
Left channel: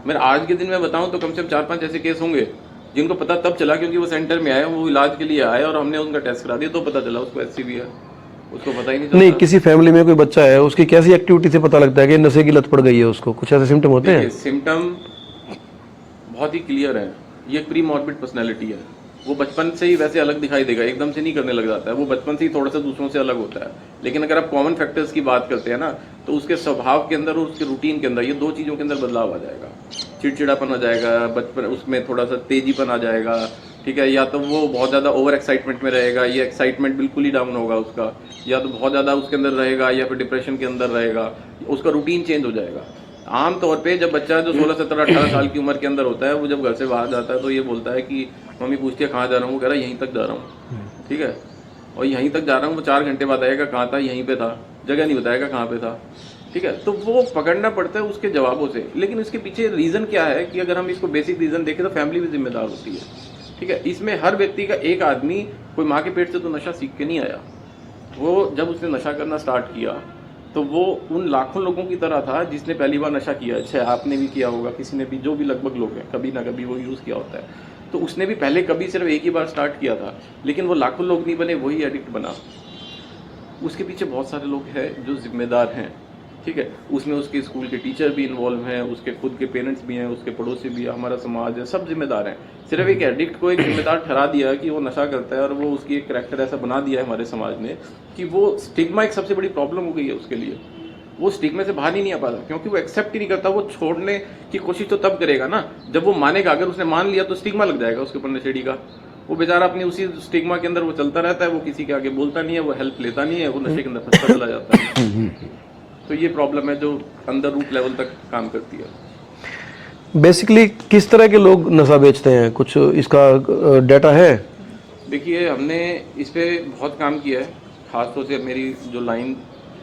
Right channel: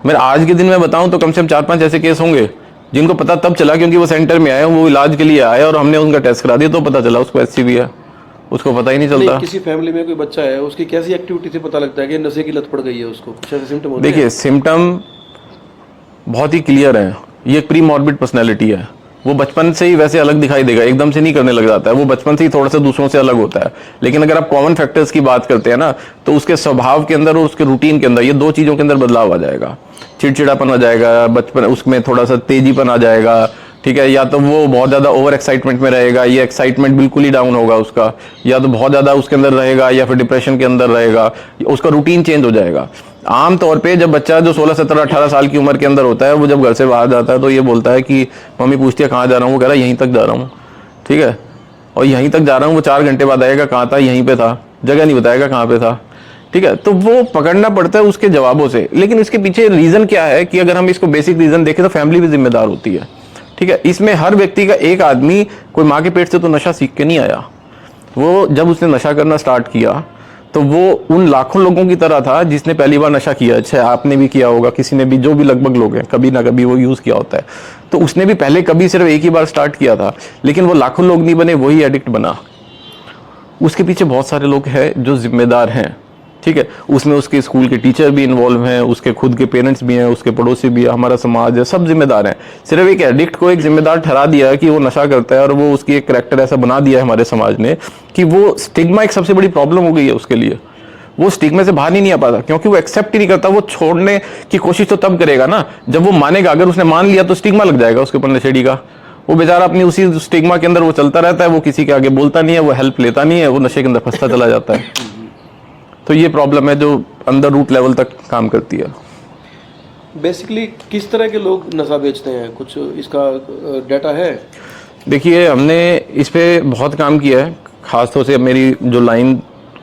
मैं आज के दिन में बताऊं तो कम से कम 4-5 ऐसे केस होंगे जिनको पता तब चला क्योंकि वो सेंटर में आए, वो इलाज के लिए आए और हमने उनका टेस्ट करा दिया तो पता चला उसको HCV है। उसको पता ही नहीं चलता। नहीं, किसी फैमिली में कोई बच्चा है, उसकी कैसी एक्टिविटी से पता लगता है कि नशे की लत पड़ गई है उसको? कुछ ऐसे सिम्टम होते हैं? देखिए, सिम्टम बहुत ही क्लियर है। ये प्री मॉर्बिड पर्सनैलिटी है। वो बचपन से ही वैसे अलग दिखाई देगा, एकदम से नहीं करने लग जाता है। वो बचपन से ही थोड़ा सा दूसरों से अलग होता है। लेकिन अगर आप कॉमन फैक्टर्स की बात करते हैं ना, तो उसके स्वभाव के अंदर और उसके रूटीन के अंदर ये 2 चीजों के अंदर बदलाव आ जाएगा। चिड़चिड़ापन आ जाएगा, बचपन उसमें थोड़ा सा तेजीपन आ जाएगा। ठीक है, या तो वो बहुत ज्यादा ओवर एक्साइटमेंट में रहेगा, या एक्साइटमेंट बिल्कुल ही डाउन होगा उसका, या तो बहुत ज्यादा उसके अंदर रहेगा, या फिर डिप्रेशन के अंदर रहेगा। उसका रूटीन चेंज हो जाएगा। आमतौर पे जब बच्चा जो 16, 17, 18 साल की उम्र के अंदर होता है, वो जब घर से बाहर जाता है तो ये बोलता है कि मम्मी पूछती है कहाँ जा रहा हूँ, वो कह रहा है यहीं तक जा रहा हूँ। ठीक है, और यहीं तक जा रहा हूँ, वो 4 घंटे बाद आएगा, कहाँ था, यहीं पे था, जगह नहीं बताएगा कहाँ पे था। ठीक है, तो वो पकड़ना पड़ता है उसके जवाबों से। लेकिन इसके पीछे रीजन क्या है कि अगर हम इसको बेसिक रीजन देखें तो फैमिली भी जिम्मेदार होती है। ठीक है, इसमें हर व्यक्ति का एक आदमी कोई माँ के पेट से तो नशा सीख के नहीं आया। वो जब उसने नशा करना स्टार्ट किया तो वो उन लाखों लोगों की तरह था जिसने पहली बार नशा किया। अच्छा, आपने भी किया होगा, किसी ने भी, जो भी लगभग लोग हैं, कभी ना कभी वो यूज किया होता है। तो उसने भी पहले कभी सिर्फ एक ही बार स्टार्ट किया था, लेकिन वो लाखों लोग नहीं बने, वही एडिक्ट बना। उसके पीछे बहुत सारे लोग हैं जो जिम्मेदार हैं। ठीक है, उसमें उसके स्कूल के टीचर भी इन्वॉल्व हैं, उसके खुद के पेरेंट्स भी हैं, उसके पड़ोसी भी है, हमारा समाज है, सब जिम्मेदार हैं। सिर्फ एक एडिक्ट को एक जिम्मेदार ठहरा दिया है कि वो नशा करता है और वो उसकी एक कैरेक्टर ऐसा बना दिया है हमारे समाज ने कि वो स्टिग्मा एक सबसे बड़ी प्रॉब्लम हो गई है उसके लिए। वो स्टिग्मा से बाहर नहीं आ पाता क्योंकि वो एक्सेप्ट ही नहीं करता। वो छोड़ने की कोशिश तो तब करेगा ना जब वो मानेगा। अगर उसने मान लिया तो स्टिग्मा लग जाएगा उसके ऊपर नशेड़ी का। वो बेचारा अपनी उसी स्टिग्मा के अंदर वो चलता रहता है, वो किसी के आगे बोलता नहीं है, वो हेल्प लेता नहीं है, वो नशे के अंदर फंसता चला जाता है। तो ये प्रॉब्लम है जो अंदर रूट लेवल तक काम करती है। बेसिकली किस तरह के लोग नशा बेचते हैं, कुछ इसका डाटा है? देखिए, हमने इस पे बहुत काम किया है। खासतौर से मेरी जो लाइन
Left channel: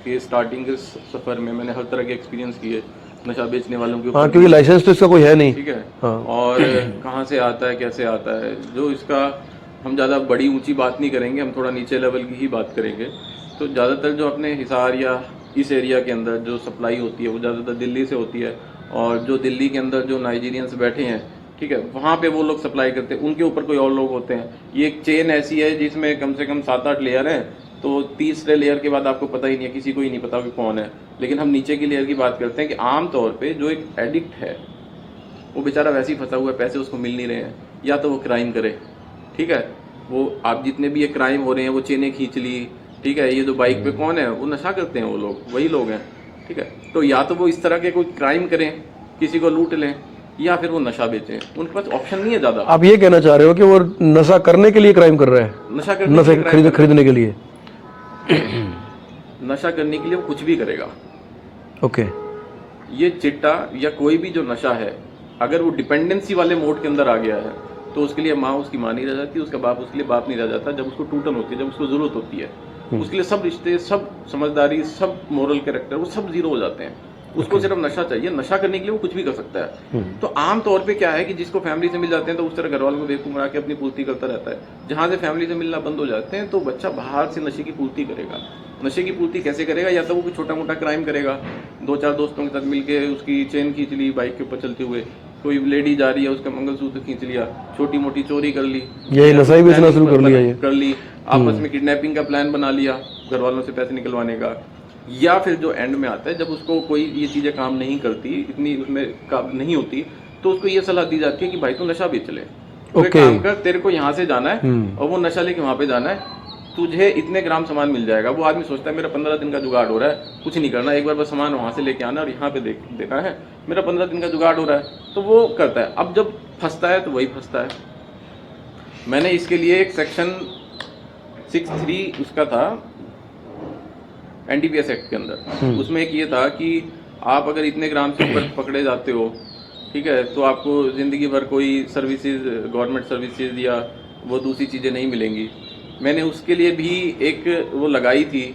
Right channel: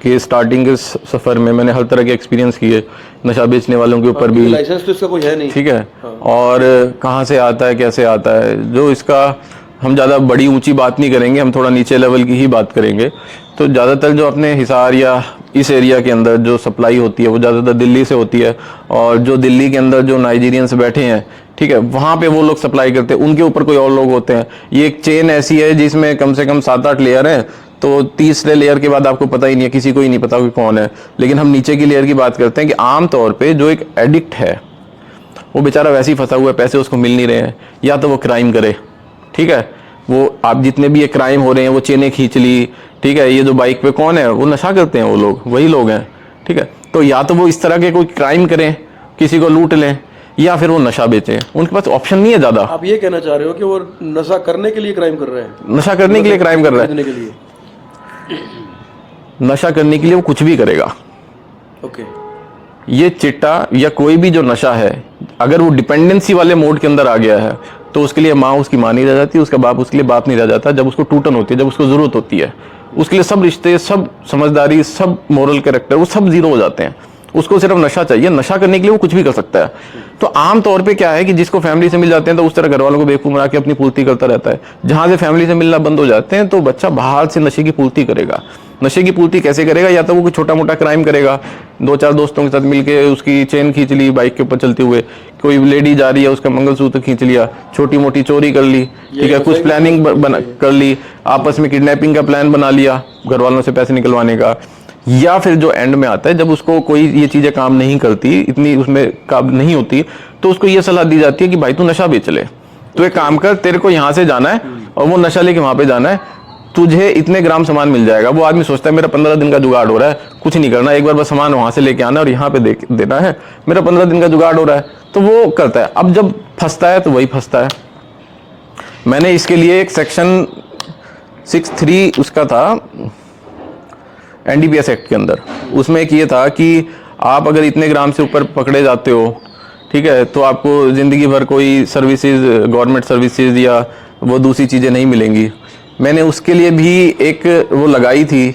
के स्टार्टिंग के सफर में मैंने हर तरह के एक्सपीरियंस किए नशा बेचने वालों के ऊपर भी। लाइसेंस तो इसका कोई है नहीं। ठीक है, और कहाँ से आता है, कैसे आता है, जो इसका हम ज़्यादा बड़ी ऊंची बात नहीं करेंगे, हम थोड़ा नीचे लेवल की ही बात करेंगे। तो ज़्यादातर जो अपने हिसार या इस एरिया के अंदर जो सप्लाई होती है वो ज़्यादातर दिल्ली से होती है। और जो दिल्ली के अंदर जो नाइजीरियंस बैठे हैं, ठीक है, वहाँ पे वो लोग सप्लाई करते हैं, उनके ऊपर कोई और लोग होते हैं। ये एक चेन ऐसी है जिसमें कम से कम 7-8 लेयर हैं। तो 30वें लेयर के बाद आपको पता ही नहीं है, किसी को ही नहीं पता कि कौन है। लेकिन हम नीचे की लेयर की बात करते हैं कि आमतौर पर जो एक एडिक्ट है वो बेचारा वैसे ही फंसा हुआ है, पैसे उसको मिल नहीं रहे हैं, या तो वो क्राइम करे। ठीक है, वो आप जितने भी ये क्राइम हो रहे हैं, वो चेनें खींच ली, ठीक है, ये जो बाइक पे कौन है, वो नशा करते हैं, वो लोग वही लोग हैं। ठीक है, तो या तो वो इस तरह के कोई क्राइम करें, किसी को लूट लें, या फिर वो नशा बेचें। उनके पास ऑप्शन नहीं है ज्यादा। आप ये कहना चाह रहे हो कि वो नशा करने के लिए क्राइम कर रहे हैं? नशा करने के लिए क्राइम कर रहे हैं के लिए? नशा करने के लिए वो कुछ भी करेगा। ओके। ये चिट्टा या कोई भी जो नशा है, अगर वो डिपेंडेंसी वाले मोड के अंदर आ गया है तो उसके लिए माँ उसकी माँ नहीं रह जाती, उसका बाप उसके लिए बाप नहीं रह जाता। जब उसको टूटन होती है, जब उसको जरूरत होती है, उसके लिए सब रिश्ते, सब समझदारी, सब मोरल कैरेक्टर, वो सब जीरो हो जाते हैं। उसको सिर्फ नशा चाहिए। नशा करने के लिए वो कुछ भी कर सकता है। तो आम तौर पे क्या है कि जिसको फैमिली से मिल जाते हैं तो उस तरह घर वालों को बेवकूफ बना के अपनी पूर्ति करता रहता है। जहां से फैमिली से मिलना बंद हो जाते हैं तो बच्चा बाहर से नशे की पूर्ति करेगा। नशे की पूर्ति कैसे करेगा? या तो वो कोई छोटा मोटा क्राइम करेगा, 2-4 दोस्तों के साथ मिलके उसकी चेन खींच ली बाइक के ऊपर चलते हुए, कोई लेडी जा रही है उसका मंगलसूत्र खींच लिया, छोटी मोटी चोरी कर ली, कुछ प्लानिंग कर ली, आपस में किडनैपिंग का प्लान बना लिया घर वालों से पैसे निकलवाने का। या फिर जो एंड में आता है, जब उसको कोई ये चीजें काम नहीं करती, इतनी उसमें काम नहीं होती, तो उसको ये सलाह दी जाती है कि भाई तू नशा बेच ले। तो एक काम कर, तेरे को यहाँ से जाना है और वो नशा लेके वहां पे जाना है, तुझे इतने ग्राम सामान मिल जाएगा। वो आदमी सोचता है मेरा 15 दिन का जुगाड़ हो रहा है, कुछ नहीं करना, एक बार बस सामान वहां से लेके आना और यहाँ पे देना है, मेरा 15 दिन का जुगाड़ हो रहा है, तो वो करता है। अब जब फंसता है तो वही फंसता है। मैंने इसके लिए एक सेक्शन 6(3) उसका था NDPS एक्ट के अंदर, उसमें एक ये था कि आप अगर इतने ग्राम से ऊपर पकड़े जाते हो, ठीक है, तो आपको जिंदगी भर कोई सर्विसेज, गवर्नमेंट सर्विसेज या वो दूसरी चीजें नहीं मिलेंगी। मैंने उसके लिए भी एक वो लगाई थी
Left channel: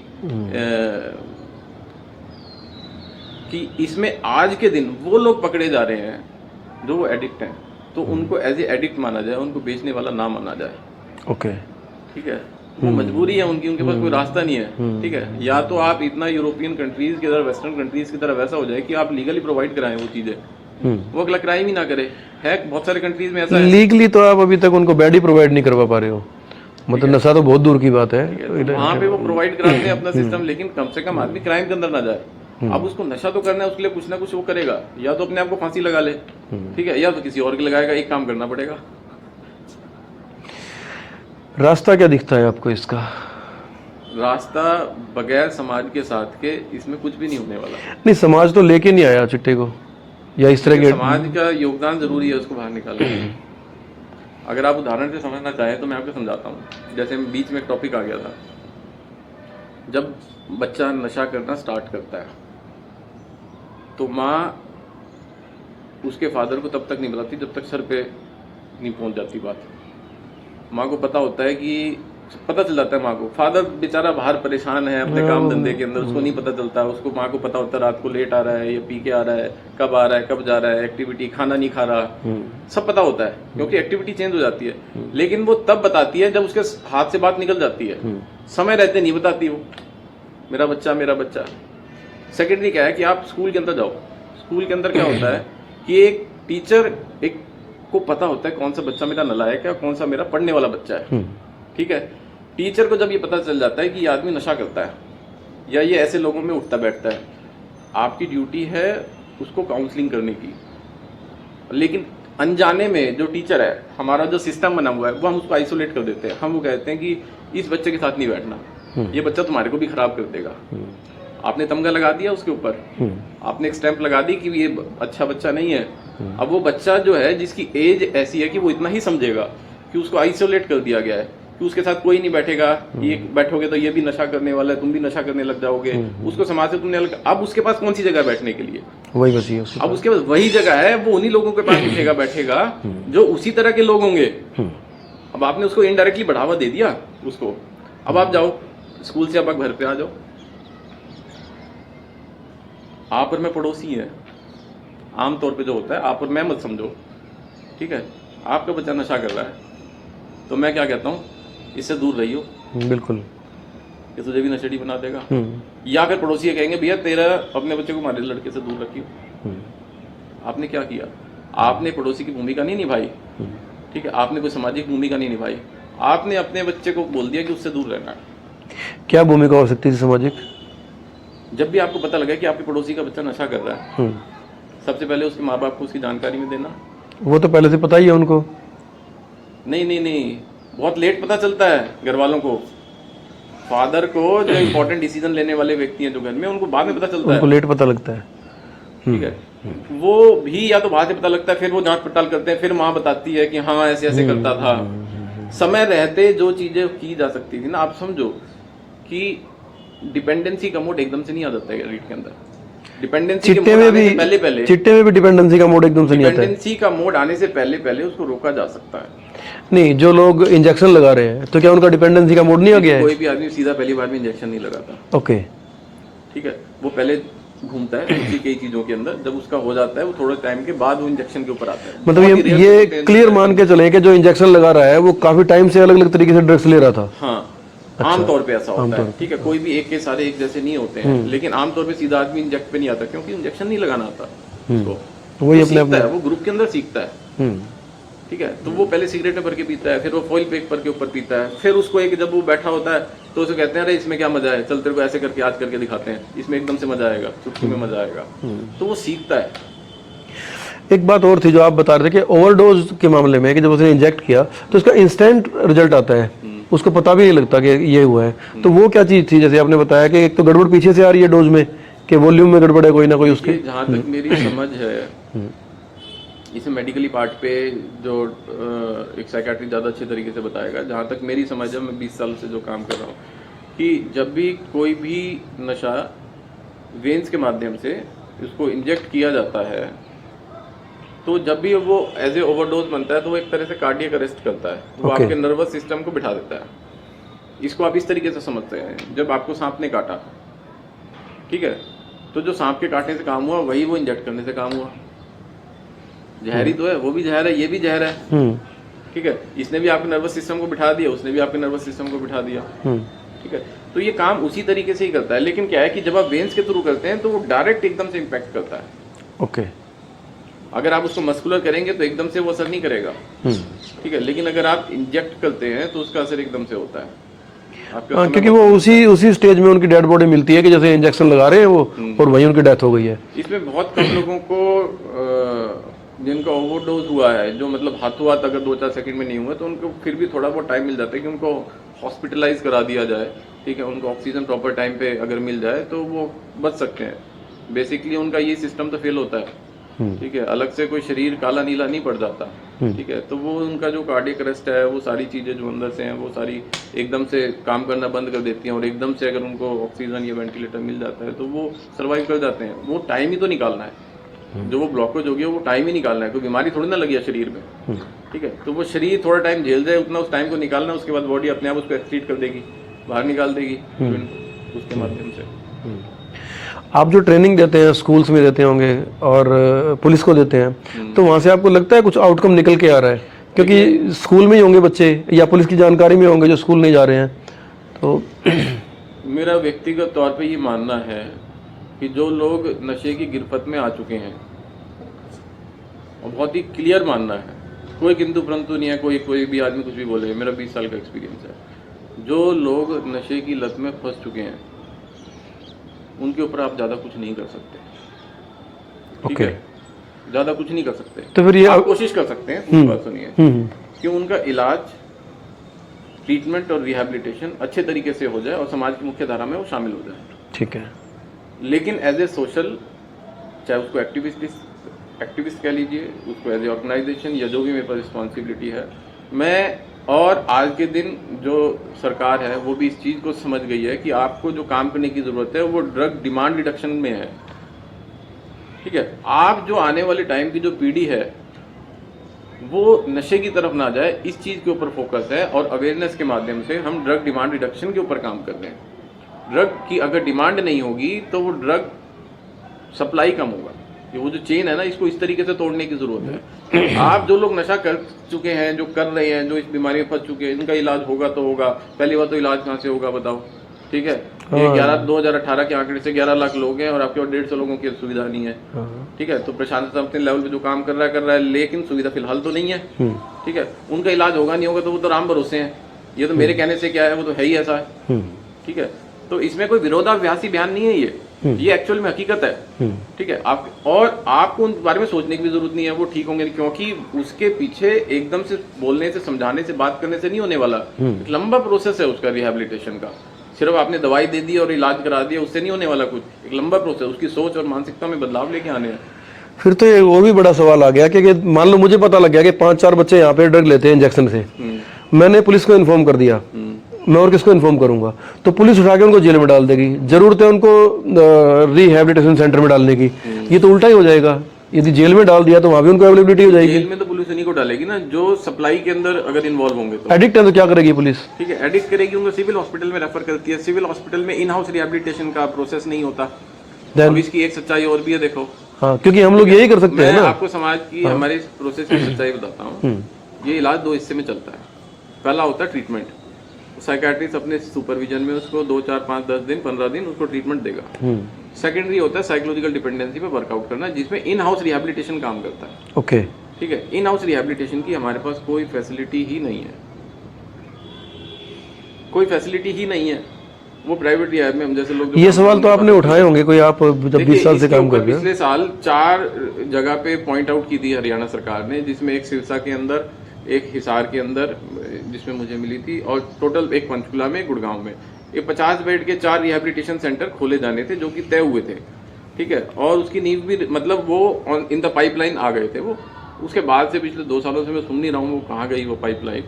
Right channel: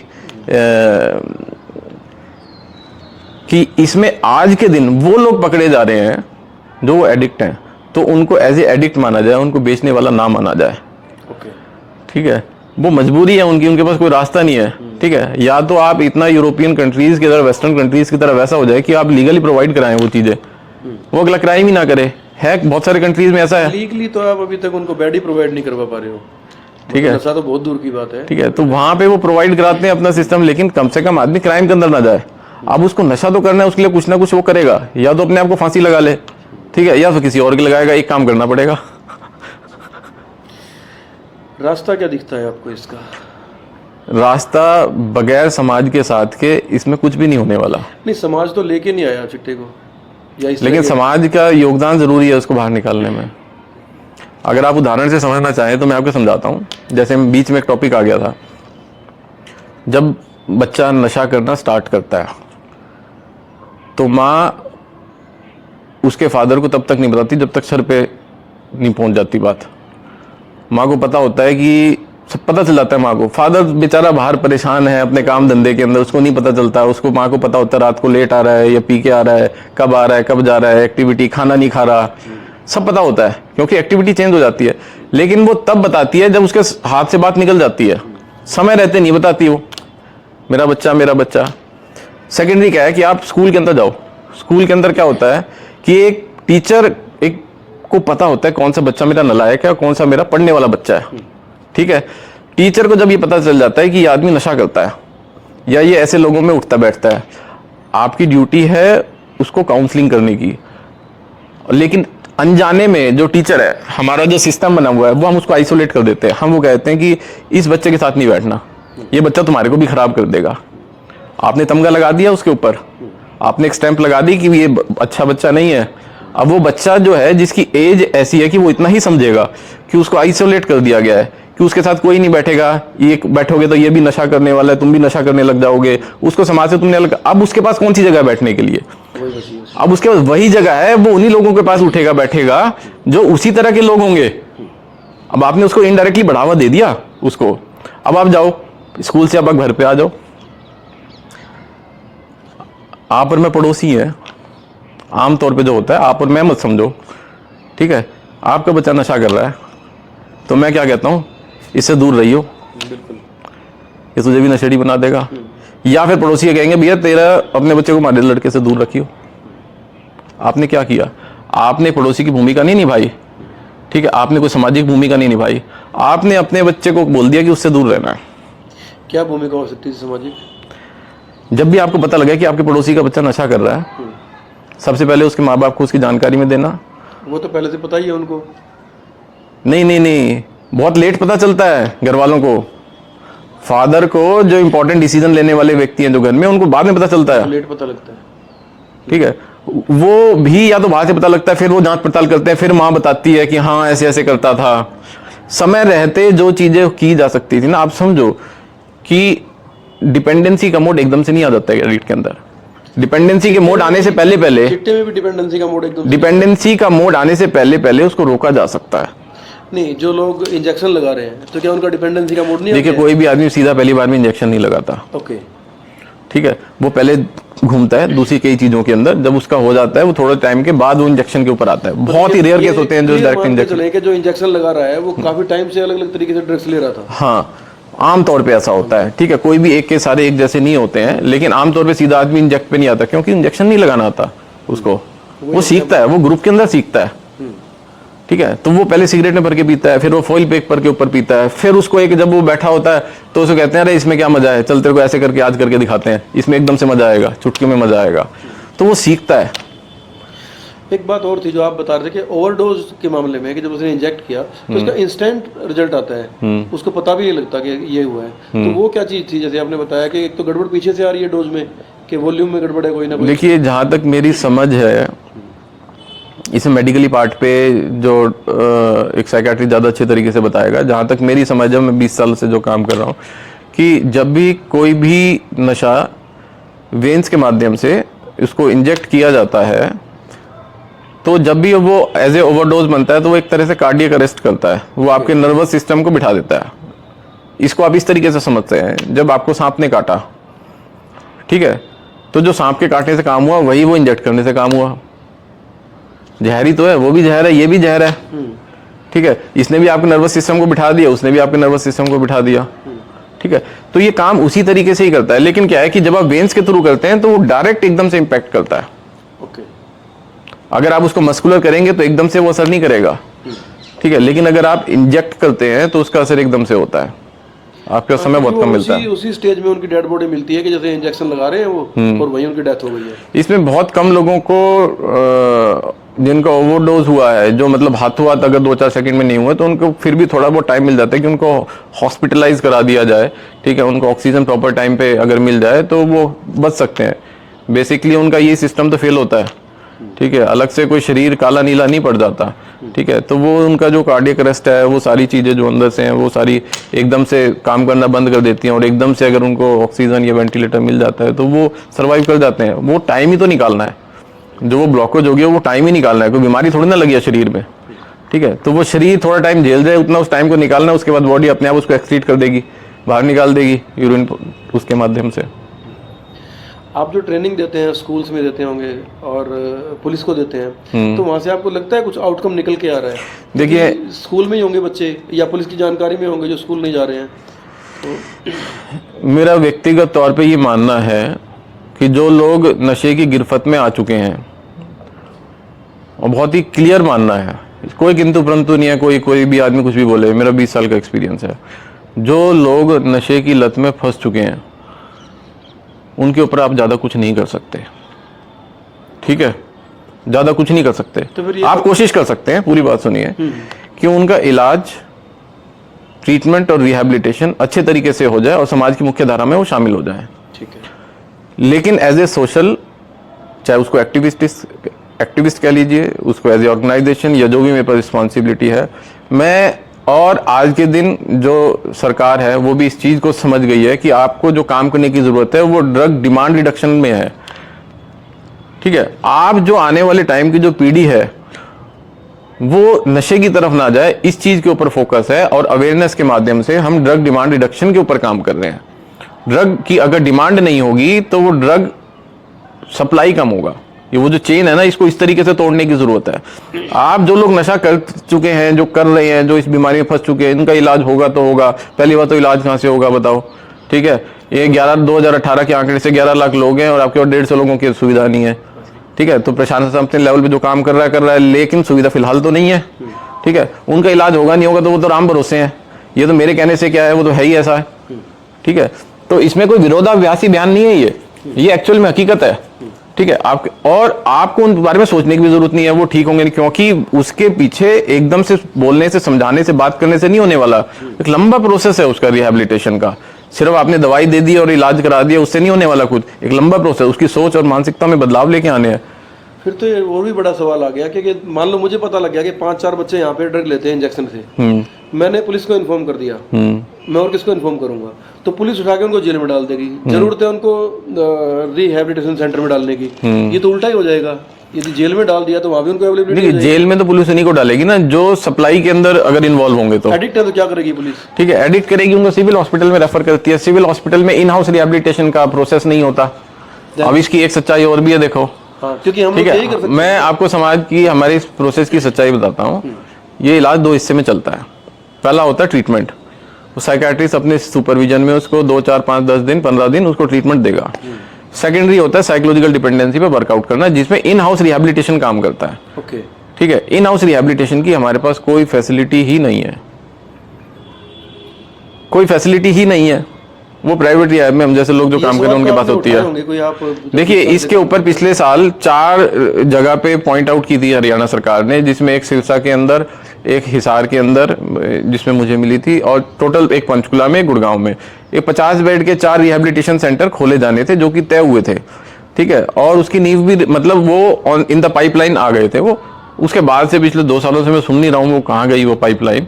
कि इसमें आज के दिन वो लोग पकड़े जा रहे हैं जो एडिक्ट हैं, तो उनको एज ए एडिक्ट माना जाए, उनको बेचने वाला ना माना जाए। ओके, ठीक है, वो मजबूरी है उनकी, उनके पास कोई रास्ता नहीं है। ठीक है, या तो आप इतना यूरोपियन कंट्रीज की तरह, वेस्टर्न कंट्रीज की तरह वैसा हो जाए कि आप लीगली प्रोवाइड कराएं वो चीजें, वो अगला क्राइम ही ना करे। है बहुत सारे कंट्रीज में ऐसा है। लीगली तो आप अभी तक उनको बेड ही प्रोवाइड नहीं करवा पा रहे हो, मतलब नशा तो बहुत दूर की बात है। ठीक है, तो वहां पे वो प्रोवाइड कराते हैं अपना सिस्टम, लेकिन कम से कम आदमी क्राइम के अंदर ना जाए। अब उसको नशा तो करना है, उसके लिए कुछ ना कुछ वो करेगा, या तो अपने आप को फांसी लगा ले, ठीक है, या तो किसी और की लगाएगा, एक काम करना पड़ेगा। रास्ता क्या दिखता है आपको इसका? रास्ता बगैर समाज के साथ के इसमें कुछ भी नहीं होने वाला। नहीं, समाज तो लेके नहीं आया चिट्टे को, या इस तरह लेकिन के- समाज का योगदान जरूरी है उसको बाहर निकालने में। अगर आप उदाहरण से समझना चाहें तो मैं आपको समझाता हूँ। जैसे बीच में एक टॉपिक आ गया था, जब बच्चा नशा करना स्टार्ट करता है तो माँ उसके फादर को तब तक नहीं बताती जब तक सर पे नहीं पहुंच जाती बात। माँ को पता होता है कि सब पता चल जाता है माँ को। फादर बेचारा बाहर परेशान है अपने काम धंधे के अंदर, उसको नहीं पता चलता। उसको माँ को पता होता है रात को लेट आ रहा है या पी के आ रहा है, कब आ रहा है, कब जा रहा है, एक्टिविटी, खाना नहीं खा रहा, सब पता होता है क्योंकि एक्टिविटी चेंज हो जाती है। लेकिन वो तब बताती है जब उसके हाथ से बात निकल जाती है, समय रहते नहीं बताती वो, मेरा बच्चा मेरा बच्चा। सेकेंडरी क्या है कि आप स्कूल के अंदर जाओ, स्कूल के अंदर क्या होता है कि एक टीचर एक को पता होता है कौन सा बच्चा मेरा नालायक है और कौन सा मेरा पढ़ने वाला बच्चा है। ठीक है, टीचर को जब ये पता चल जाता है कि ये आदमी नशा करता है या ये ऐसे लोगों में उठता बैठता है, आपकी ड्यूटी है उसको काउंसलिंग करने की। लेकिन अनजाने में जो टीचर है, हमारा जो सिस्टम बना हुआ है, वो हम उसको आइसोलेट कर देते हैं। हम वो कहते हैं कि इस बच्चे के साथ नहीं बैठना, ये बच्चा तुम्हारे को भी खराब कर देगा। आपने तमगा लगा दिया उसके ऊपर, आपने एक स्टैंप लगा दी कि ये अच्छा बच्चा नहीं है। अब वो बच्चा जो है जिसकी एज ऐसी है कि वो इतना ही समझेगा कि उसको आइसोलेट कर दिया गया है कि उसके साथ कोई नहीं बैठेगा, ये बैठोगे तो ये भी नशा करने वाला है, तुम भी नशा करने लग जाओगे, उसको समाज से तुमने अलग। अब उसके पास कौन सी जगह है बैठने के लिए? वही बची है। अब उसके पास वही जगह है, वो उन्हीं लोगों के पास उठेगा बैठेगा जो उसी तरह के लोग होंगे। अब आपने उसको इनडायरेक्टली बढ़ावा दे दिया उसको। अब आप जाओ स्कूल से, अब आप घर पे आ जाओ, आप और मैं पड़ोसी है, आमतौर पे जो होता है आप और मैं मत समझो, ठीक है। आपका बच्चा नशा कर रहा है तो मैं क्या कहता हूँ, इससे दूर रहियो, बिल्कुल, ये तुझे भी नशेड़ी बना देगा। या फिर पड़ोसी कहेंगे भैया तेरा अपने बच्चे को हमारे लड़के से दूर रखियो। आपने क्या किया? आपने पड़ोसी की भूमिका नहीं निभाई, ठीक है, आपने कोई सामाजिक भूमिका नहीं निभाई, आपने अपने बच्चे को बोल दिया कि उससे दूर रहना है। क्या भूमिका हो सकती है सामाजिक? जब भी आपको पता लगे कि आपके पड़ोसी का बच्चा नशा कर रहा है, सबसे पहले उसके माँ बाप को उसकी जानकारी में देना। वो तो पहले से पता ही है उनको। नहीं, बहुत लेट पता चलता है घर वालों को। फादर को, जो इंपॉर्टेंट डिसीजन लेने वाले व्यक्ति हैं जो घर में, उनको बाद में पता चलता तो है, लेट पता लगता है। ठीक है। वो भी या तो बाहर से पता लगता है, फिर वो जांच पड़ताल करते हैं, फिर माँ बताती है कि हाँ ऐसे ऐसे करता था। समय रहते जो चीजें की जा सकती थी ना, आप समझो कि डिपेंडेंसी का मोड एकदम से नहीं आ जाता है एडिक्ट के अंदर। डिपेंडेंसी के मोड आने से पहले चिट्टे में भी डिपेंडेंसी का मोड एकदम से नहीं आता है। डिपेंडेंसी का मोड आने से पहले उसको रोका जा सकता है। नहीं, जो लोग इंजेक्शन लगा रहे हैं तो क्या उनका डिपेंडेंसी का मोड नहीं आ देखिए, गया? कोई भी आदमी सीधा पहली बार में इंजेक्शन नहीं लगाता, ओके, ठीक है। वो पहले घूमता है दूसरी कई चीजों के अंदर, जब उसका हो जाता है वो थोड़े टाइम के बाद वो इंजेक्शन के ऊपर आता है। बहुत ही रेयर केस होते हैं जो क्लियर direct मान के injection- चले कि जो इंजेक्शन लगा रहा है वो काफी टाइम से अलग अलग तरीके से ड्रग्स ले रहा था। हाँ, आमतौर पे ऐसा होता है, ठीक है। कोई भी एक के सारे एक जैसे नहीं होते हैं, लेकिन आमतौर पे सीधा आदमी इंजेक्ट पे नहीं आता क्योंकि इंजेक्शन नहीं लगाना आता उसको। वो सीखता है, वो ग्रुप के अंदर सीखता है, ठीक है। तो वो पहले सिगरेट में भर के पीता है, फिर वो फॉइल पेपर के ऊपर पीता है, फिर उसको एक जब वो बैठा होता है तो उसे कहते हैं अरे इसमें क्या मजा है, चल तेरे को ऐसे करके आज करके दिखाते हैं, इसमें एकदम से मजा आएगा, चुटकी में मजा आएगा। तो वो सीखता है। एक बात और थी जो आप बता रहे थे कि ओवरडोज के मामले में कि जब उसने इंजेक्ट किया तो उसका इंस्टेंट रिजल्ट आता है, उसको पता भी नहीं लगता कि ये हुआ है। तो वो क्या चीज थी, जैसे आपने बताया कि एक तो गड़बड़ पीछे से आ रही है डोज में, कि वॉल्यूम में गड़बड़ है कोई ना कोई। देखिए, जहाँ तक मेरी समझ है, इसे मेडिकली पार्ट पे जो एक साइकियाट्री ज़्यादा अच्छे तरीके से बताएगा, जहाँ तक मेरी समझ है, मैं 20 साल से जो काम कर रहा हूँ, कि जब भी कोई भी नशा वेन्स के माध्यम से उसको इंजेक्ट किया जाता है, तो जब भी वो एज ए ओवरडोज बनता है तो वो एक तरह से कार्डियक अरेस्ट करता है, वो आपके नर्वस सिस्टम को बिठा देता है। इसको आप इस तरीके से समझते हैं, जब आपको सांप ने काटा, ठीक है, तो जो सांप के काटने से काम हुआ वही वो इंजेक्ट करने से काम हुआ। जहरी तो है, वो भी जहर है, ये भी जहर है, ठीक है। इसने भी आपके नर्वस सिस्टम को बिठा दिया, उसने भी आपके नर्वस सिस्टम को बिठा दिया, ठीक है। तो ये काम उसी तरीके से ही करता है, लेकिन क्या है कि जब आप वेन्स के थ्रू करते हैं तो वो डायरेक्ट एकदम से इंपैक्ट करता है। ओके। अगर आप उसको मस्कुलर करेंगे तो एकदम से वो असर नहीं करेगा, ठीक है, लेकिन अगर आप इंजेक्ट करते हैं तो उसका असर एकदम से होता है, आपका समय बहुत कम मिलता है। उसी स्टेज में उनकी डेड बॉडी मिलती है कि जैसे इंजेक्शन लगा रहे हैं वो, और वहीं उनकी डेथ हो गई है। इसमें बहुत कम लोगों को जिनका ओवरडोज हुआ है, जो मतलब हाथों हाथ अगर 2-4 सेकंड में नहीं हुए, तो उनको फिर भी थोड़ा बहुत टाइम मिल जाता है कि उनको हॉस्पिटलाइज करा दिया जाए, ठीक है, उनको ऑक्सीजन प्रॉपर टाइम पे अगर मिल जाए तो वो बच सकते हैं। बेसिकली उनका ये सिस्टम तो फेल होता है, ठीक है, अलग से कोई शरीर काला नीला नहीं पड़ जाता, ठीक है। तो वो उनका जो कार्डियक अरेस्ट है, वो सारी चीजें जो अंदर से हैं वो सारी एकदम से काम करना बंद कर देती हैं, और एकदम से अगर उनको ऑक्सीजन या वेंटिलेटर मिल जाता है तो वो सर्वाइव कर जाते हैं। वो टाइम ही तो निकालना है, जो वो ब्लॉकेज हो गया वो टाइम ही निकालना है, कोई बीमारी थोड़ी ना लगी है शरीर में, ठीक है। तो वो शरीर थोड़ा टाइम झेल जाए, उतना उस टाइम को निकालना है, उसके बाद बॉडी अपने आप उसको एक्सक्रीट कर देगी, बाहर निकाल देगी यूरिन उसके माध्यम से। आप जो ट्रेनिंग देते हैं स्कूल्स में देते होंगे और पुलिस को देते हैं, तो वहां से आपको लगता है कुछ आउटकम निकल के आ रहा है? क्योंकि स्कूल में ही होंगे बच्चे या पुलिस की जानकारी में होंगे जो स्कूल नहीं जा रहे हैं। तो मेरा व्यक्तिगत तौर पे ये मानना है कि जो लोग नशे की गिरफ्त में आ चुके हैं, और बहुत ही क्लियर मानना है, कोई किंतु परंतु नहीं है, कोई भी आदमी कुछ भी बोले, मेरा 20 साल का एक्सपीरियंस है, जो लोग नशे की लत में फंस चुके हैं उनके ऊपर आप ज्यादा कुछ नहीं कर सकते, ठीक है, ज्यादा कुछ नहीं कर सकते। तो फिर आप कोशिश कर सकते हैं, पूरी बात सुनिए, कि उनका इलाज, ट्रीटमेंट और रिहैबिलिटेशन अच्छे तरीके से हो जाए और समाज की मुख्य धारा में वो शामिल हो जाए, ठीक है। लेकिन एज ए सोशल, चाहे उसको एक्टिविस्ट कह लीजिए, उसको एज ए ऑर्गेनाइजेशन या जो भी मेरे पर रिस्पॉन्सिबिलिटी है, मैं और आज के दिन जो सरकार है वो भी इस चीज को समझ गई है कि आपको जो काम करने की जरूरत है वो ड्रग डिमांड रिडक्शन में है, ठीक है। आप जो आने वाले टाइम की जो पीढ़ी है वो नशे की तरफ ना जाए, इस चीज के ऊपर फोकस है, और अवेयरनेस के माध्यम से हम ड्रग डिमांड रिडक्शन के ऊपर काम कर रहे हैं। ड्रग की अगर डिमांड नहीं होगी तो वो ड्रग सप्लाई कम होगा, ये वो जो चेन है ना, इसको इस तरीके से तोड़ने की जरूरत है। आप जो लोग नशा कर चुके हैं, जो कर रहे हैं, जो इस बीमारी में फंस चुके हैं, इनका इलाज होगा तो होगा। पहली बात तो इलाज कहाँ से होगा बताओ, ठीक है। ये 2018 के आंकड़े से 11 लाख लोग हैं और आपके और 150 लोगों की सुविधा नहीं है, ठीक है। तो प्रशासन अपने लेवल पे जो काम कर रहा है, लेकिन सुविधा फिलहाल तो नहीं है, ठीक है। उनका इलाज होगा नहीं होगा तो वो तो राम भरोसे हैं, ये तो मेरे कहने से क्या है, वो तो है ही ऐसा है, ठीक है। तो इसमें कोई विरोधाभासी बयान नहीं है, ये एक्चुअल में हकीकत है, ठीक है। आपको उन बारे में सोचने की भी जरूरत नहीं है वो ठीक होंगे, क्योंकि उसके पीछे एकदम से बोलने से, समझाने से, बात करने से नहीं होने वाला। एक लंबा प्रोसेस है उसका रिहैबिलिटेशन का। सिर्फ आपने दवाई दे दी और इलाज करा दिया, उससे नहीं होने वाला कुछ। एक लंबा प्रोसेस, उसकी सोच और मानसिकता में बदलाव लेके आने हैं। फिर तो ये वो भी बड़ा सवाल आ गया कि मान लो मुझे पता लग गया कि 5-4 बच्चे यहाँ पे ड्रग लेते हैं इंजेक्शन से, मैंने पुलिस को इन्फॉर्म कर दिया, मैं और किसको इन्फॉर्म करूंगा? तो पुलिस उठा के उनको जेल में डाल देगी। जरूरत है उनको रिहैबिलिटेशन सेंटर में डालने की, ये तो उल्टा ही हो जाएगा। यदि जेल में डाल दिया तो वहां भी उनको अवेलेबिलिटी हो जाएगी। जेल में तो पुलिस उन्हीं को डालेगी ना जो सप्लाई के अंदर अगर इन्वॉल्व होंगे। तो एडिक्ट है तो क्या करेगी पुलिस? ठीक है, एडिक्ट करेगी, उनको सिविल हॉस्पिटल में रेफर करती है। सिविल हॉस्पिटल में इन हाउस रिहैबिलिटेशन का प्रोसेस नहीं होता। अब इसकी एक सच्चाई और भी है, देखो। हाँ, क्योंकि हम लोग यही कर सकते हैं। मैं आपको समाज की हमारी इस प्रोसेस की सच्चाई बताता हूँ। ये इलाज 2 हिस्से में चलता है। पहला होता है ट्रीटमेंट। वो साइकियाट्रिस्ट अपने सुपरविजन में उसको 2, 4, 5, 10 दिन, 15 दिन उसको ट्रीटमेंट देगा। सेकेंडरी होता है साइकोलॉजिकल डिपेंडेंसी पे वर्कआउट करना, जिसमें इन हाउस रिहैबिलिटेशन काम करता है। ओके, ठीक है। इन हाउस रिहैबिलिटेशन की हमारे पास कोई फैसिलिटी ही नहीं है, कोई फैसिलिटी ही नहीं है। वो प्राइवेट रिहाब में हम जैसे लोग जो ये काम कर रहे हैं सवाल तो उनके पास आपने होती उठाए है। होंगे, कोई आप जब 20 देखिए साल से इसके काम ऊपर कर रहे पिछले साल 4 जगह पे पॉइंट आउट की थी हरियाणा सरकार ने, जिसमें एक सिरसा के अंदर, एक हिसार के अंदर जिसमें मुझे मिली थी, और टोटल एक पंचकुला में, गुड़गांव में, ये 50 बेड के 4 रिहेबिलिटेशन सेंटर खोले जाने थे जो कि तय हुए थे, ठीक है। और उसकी नींव भी मतलब वो इन द पाइपलाइन आ गए थे वो। उसके बाद से पिछले 2 सालों से मैं सुन नहीं रहा हूँ वो कहाँ गई वो पाइपलाइन,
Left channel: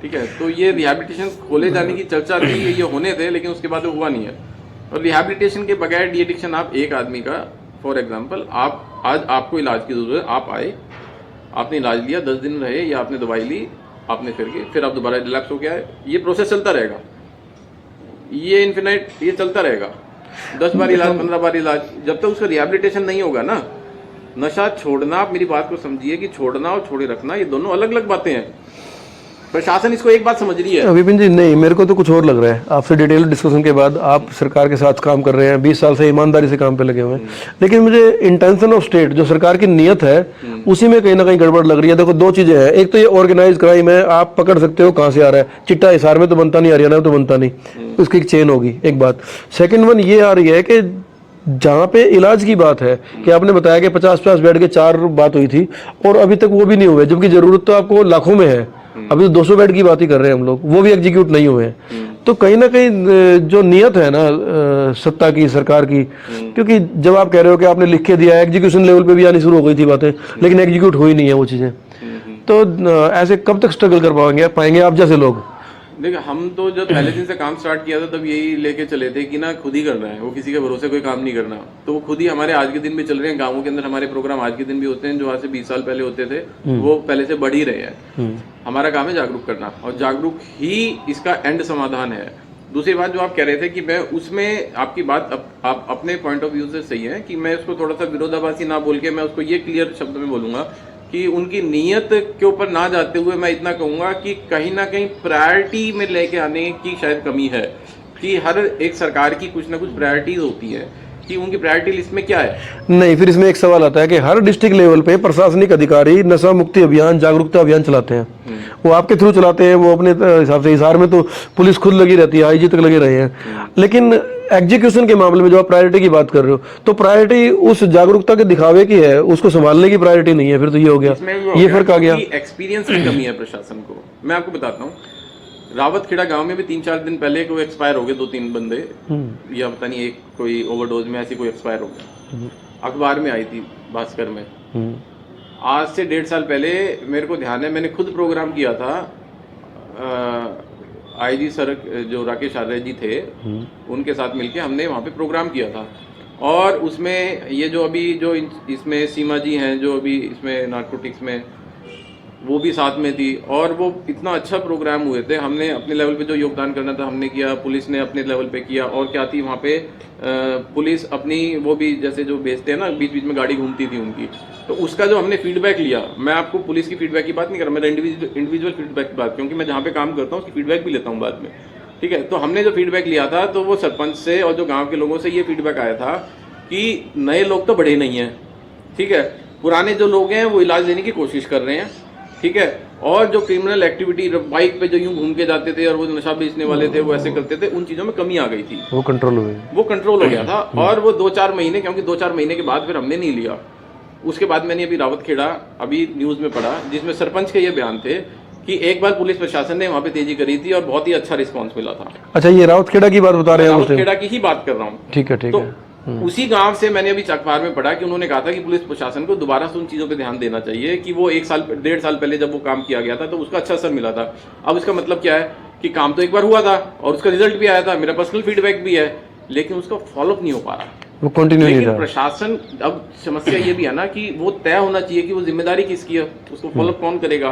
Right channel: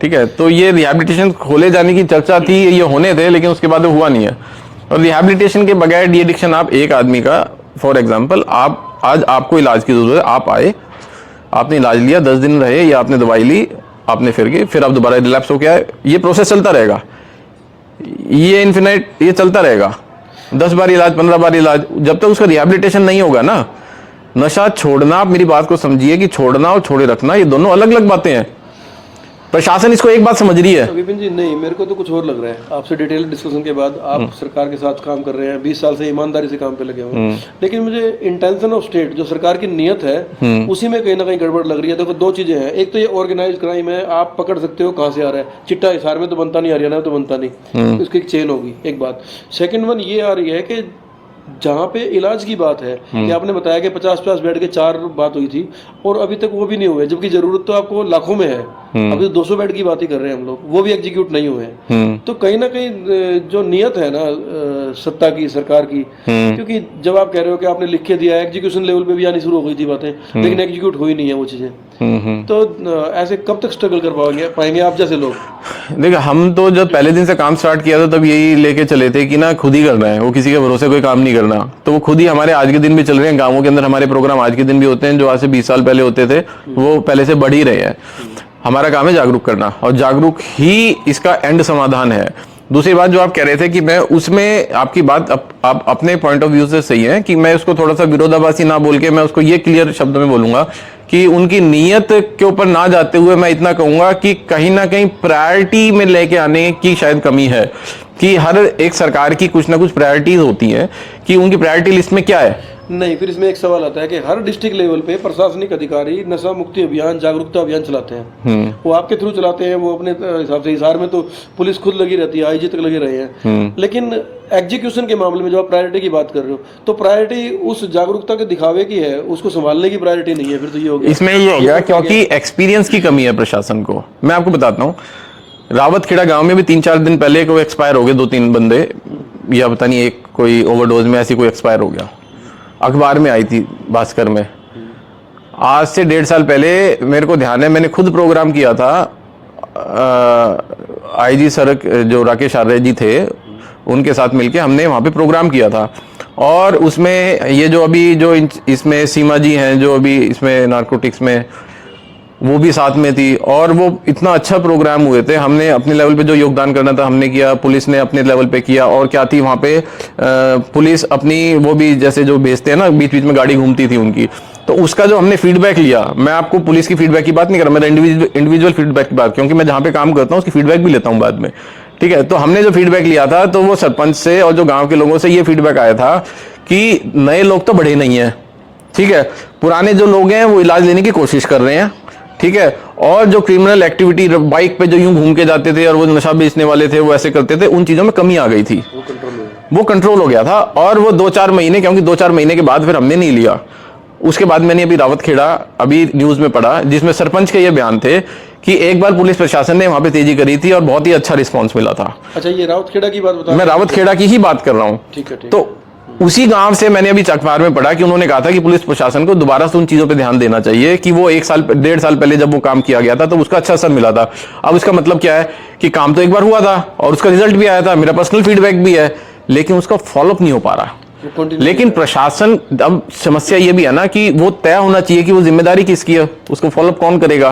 ठीक है। तो ये रिहेबिलिटेशन खोले जाने की चर्चा थी, ये होने थे, लेकिन उसके बाद हुआ नहीं है। और रिहेबिलिटेशन के बगैर डी एडिक्शन, आप एक आदमी का फॉर एग्जांपल, आप आज आपको इलाज की जरूरत है, आप आए, आपने इलाज लिया, 10 दिन रहे या आपने दवाई ली, आपने फिर गए, फिर आप दोबारा रिलैप्स हो गया है, ये प्रोसेस चलता रहेगा, ये इन्फिनाइट, ये चलता रहेगा। 10 बार इलाज, 15 बार इलाज, जब तक उसका रिहेबिलिटेशन नहीं होगा ना। नशा छोड़ना, आप मेरी बात को समझिए कि छोड़ना और छोड़े रखना ये दोनों अलग अलग बातें हैं। प्रशासन इसको एक बात समझ रही है। विपिन जी, नहीं, मेरे को तो कुछ और लग रहा है। आपसे डिटेल डिस्कशन के बाद आप सरकार के साथ काम कर रहे हैं, 20 साल से ईमानदारी से काम पे लगे हुए हैं, लेकिन मुझे इंटेंशन ऑफ स्टेट, जो सरकार की नीयत है, उसी में कहीं ना कहीं गड़बड़ लग रही है। देखो, 2 चीजें हैं। एक तो ये ऑर्गेनाइज क्राइम है, आप पकड़ सकते हो कहां से आ रहा है। चिट्टा हिसार में तो बनता नहीं, हरियाणा में तो बनता नहीं, उसकी एक चेन होगी, एक बात। सेकेंड वन ये आ रही है कि जहां पे इलाज की बात है कि आपने बताया कि 50-50 बेड के 4 बात हुई थी और अभी तक वो भी नहीं हुए, जबकि जरूरत तो आपको लाखों में है। अभी 200 बेड की बात ही कर रहे हैं हम लोग, वो भी एग्जीक्यूट नहीं हुए। तो कहीं ना कहीं जो नियत है ना सत्ता की, सरकार की, क्योंकि जब आप कह रहे हो कि आपने लिख के दिया, एग्जीक्यूशन लेवल पे भी आनी शुरू हो गई थी बातें, लेकिन एग्जीक्यूट हुई नहीं है वो चीजें। तो ऐसे कब तक स्ट्रगल कर पाएंगे आप जैसे लोग? देखिए, हम तो जब पहले दिन से काम स्टार्ट किया था तब यही लेके चले थे कि ना खुद ही करना है, वो किसी के भरोसे कोई काम नहीं करना। तो वो खुद ही, हमारे आज के दिन भी चल रहे हैं, गांवों के अंदर हमारे प्रोग्राम आज के दिन भी होते हैं, जो आज से 20 साल पहले होते थे वो पहले से बढ़ ही रहे हैं। हमारा काम है जागरूक करना, और जागरूक ही इसका एंड समाधान है। दूसरी बात जो आप कह रहे थे कि मैं उसमें, आपकी बात आप अपने पॉइंट ऑफ व्यू से सही है, कि मैं उसको थोड़ा सा विरोधाभासी ना बोल के मैं उसको ये क्लियर शब्द में बोलूंगा कि उनकी नीयत के ऊपर ना जाते हुए मैं इतना कहूंगा कि कहीं ना कहीं प्रायोरिटी में लेके आने की शायद कमी है, कि हर एक सरकार की कुछ ना कुछ प्रायोरिटीज होती हैं, कि उनकी प्रायोरिटी लिस्ट में क्या है। नहीं, फिर इसमें एक सवाल आता है कि हर डिस्ट्रिक्ट लेवल पे प्रशासनिक अधिकारी नशा मुक्ति अभियान, जागरूकता अभियान चलाते हैं, वो आपके थ्रू चलाते हैं, वो अपने हिसाब से। हिसार में तो पुलिस खुद लगी रहती है, आईजी तक लगे रहे हैं, लेकिन एग्जीक्यूशन के मामले में जो आप प्रायोरिटी की बात कर रहे हो, तो प्रायोरिटी उस जागरूकता के दिखावे की है, उसको संभालने की प्रायोरिटी नहीं है। फिर तो ये हो गया, इसमें ये हो गया क्योंकि एक्सपीरियंस की कमी है प्रशासन को। मैं आपको बताता हूँ, रावतखेड़ा गांव में भी 3-4 दिन पहले कोई एक्सपायर हो गए, 2-3 बंदे, या पता नहीं एक कोई ओवरडोज में ऐसी कोई एक्सपायर हो गया। अखबार में आई थी, भास्कर में। आज से 1.5 साल पहले मेरे को ध्यान है, मैंने खुद प्रोग्राम किया था, आईजी सड़क जो राकेश आर्य जी थे, उनके साथ मिलके हमने वहां पे प्रोग्राम किया था। और उसमें ये जो अभी जो इसमें सीमा जी हैं, जो अभी इसमें नारकोटिक्स में, वो भी साथ में थी, और वो इतना अच्छा प्रोग्राम हुए थे। हमने अपने लेवल पे जो योगदान करना था हमने किया, पुलिस ने अपने लेवल पे किया। और क्या थी वहाँ पे, पुलिस अपनी वो भी जैसे जो भेजते हैं ना, बीच बीच में गाड़ी घूमती थी उनकी, तो उसका जो हमने फीडबैक लिया, मैं आपको पुलिस की फीडबैक की बात नहीं कर रहा, मैं इंडिविजुअल फीडबैक की बात, क्योंकि मैं जहाँ पे काम करता हूँ उसकी फीडबैक भी लेता हूँ बाद में, ठीक है। तो हमने जो फीडबैक लिया था, तो वो सरपंच से और जो गाँव के लोगों से ये फीडबैक आया था कि नए लोग तो बढ़े नहीं है, ठीक है, पुराने जो लोग हैं वो इलाज लेने की कोशिश कर रहे हैं, ठीक है। और जो क्रिमिनल एक्टिविटी, बाइक पे जो यूं घूम के जाते थे और वो नशा बेचने वाले थे, वो ऐसे करते थे, उन चीजों में कमी आ गई थी, वो कंट्रोल हो गया था। और वो 2-4 महीने, क्योंकि 2-4 महीने के बाद फिर हमने नहीं लिया। उसके बाद मैंने अभी रावतखेड़ा अभी न्यूज में पढ़ा, जिसमें सरपंच के ये बयान थे कि एक बार पुलिस प्रशासन ने वहां पे तेजी करी थी और बहुत ही अच्छा रिस्पॉन्स मिला था। अच्छा, ये रावतखेड़ा की बात बता रहे हैं? मैं रावतखेड़ा की ही बात कर रहा हूँ, ठीक है, ठीक है। उसी गांव से मैंने अभी अखबार में पढ़ा कि उन्होंने कहा था कि पुलिस प्रशासन को दोबारा से उन चीजों पे ध्यान देना चाहिए कि वो 1-1.5 साल पहले जब वो काम किया गया था तो उसका अच्छा असर मिला था। अब इसका मतलब क्या है कि काम तो एक बार हुआ था और उसका रिजल्ट भी आया था, मेरा पर्सनल फीडबैक भी है, लेकिन उसका फॉलोअप नहीं हो पा रहा। लेकिन प्रशासन, अब समस्या ये भी है ना कि वो तय होना चाहिए कि वो जिम्मेदारी किसकी है, उसको फॉलोअप कौन करेगा,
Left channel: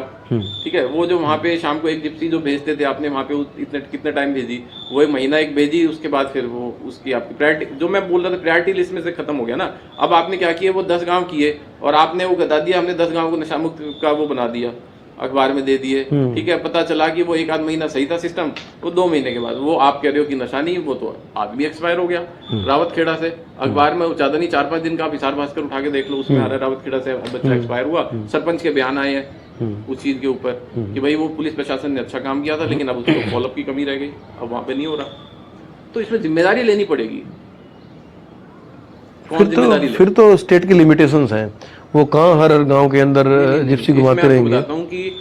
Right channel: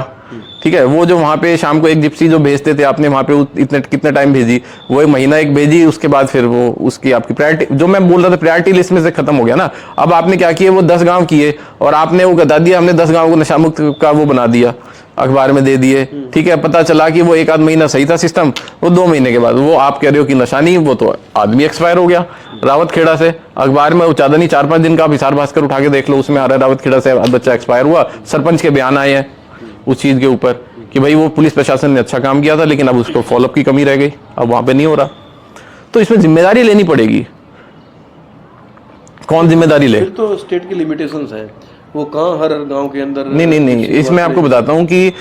ठीक है। वो जो वहां पे शाम को एक जिप्सी जो भेजते थे, आपने वहां पे इतने कितने टाइम भेजी, वो 1 महीना एक भेजी, उसके बाद फिर वो उसकी आपकी प्रायोरिटी, जो मैं बोल रहा था प्रायोरिटी लिस्ट में से खत्म हो गया ना। अब आपने क्या किया, वो 10 गांव किए और आपने वो बता दिया, हमने 10 गांव को नशा मुक्त का वो बना दिया, अखबार में दे दिए, ठीक है। पता चला कि वो 1-8 महीना सही था सिस्टम, वो 2 महीने के बाद वो आप कह रहे हो कि नशा नहीं, वो तो आदमी एक्सपायर हो गया रावतखेड़ा से। अखबार में ज्यादा नहीं 4-5 दिन का आप हिसार भास्कर उठा के देख लो, उसमें आ रहा है रावतखेड़ा से बच्चा एक्सपायर हुआ। सरपंच के बयान आए हैं उस चीज के ऊपर कि भाई वो पुलिस प्रशासन ने अच्छा काम किया था, लेकिन अब उसको फॉलोअप की कमी रह गई, अब वहां पे नहीं हो रहा। तो इसमें जिम्मेदारी लेनी पड़ेगी। कौन जिम्मेदारी ले? फिर तो स्टेट की लिमिटेशंस हैं, वो कहाँ हर गांव के अंदर। नहीं, इसमें आपको बताता हूँ कि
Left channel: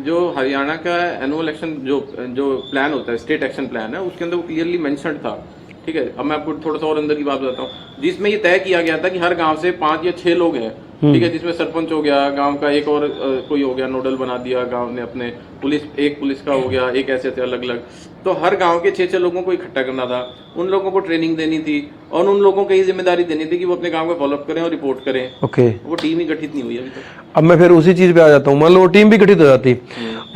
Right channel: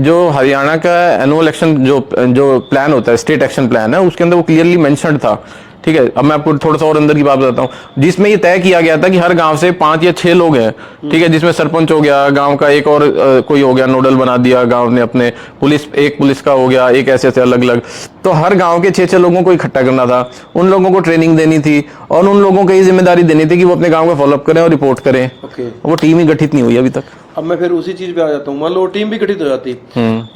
जो हरियाणा का एनुअल एक्शन जो प्लान होता है, स्टेट एक्शन प्लान है, उसके अंदर वो क्लियरली मेंशन्ड था। ठीक है, अब मैं आपको थोड़ा सा और अंदर की बात बताता हूँ, जिसमें ये तय किया गया था कि हर गांव से 5 या 6 लोग हैं। ठीक है, जिसमें सरपंच हो गया, गांव का एक और कोई हो गया, नोडल बना दिया गांव ने अपने, एक पुलिस का हो गया, एक ऐसे अलग अलग। तो हर गांव के 6-6 लोगों को इकट्ठा करना था, उन लोगों को ट्रेनिंग देनी थी और उन लोगों को ये जिम्मेदारी देनी थी कि वो अपने गांव का फॉलोअप करें और रिपोर्ट करें। ओके, वो टीम ही गठित नहीं हुई अभी तक। अब मैं फिर उसी चीज पे आ जाता हूँ, मान लो वो टीम भी गठित हो जाती,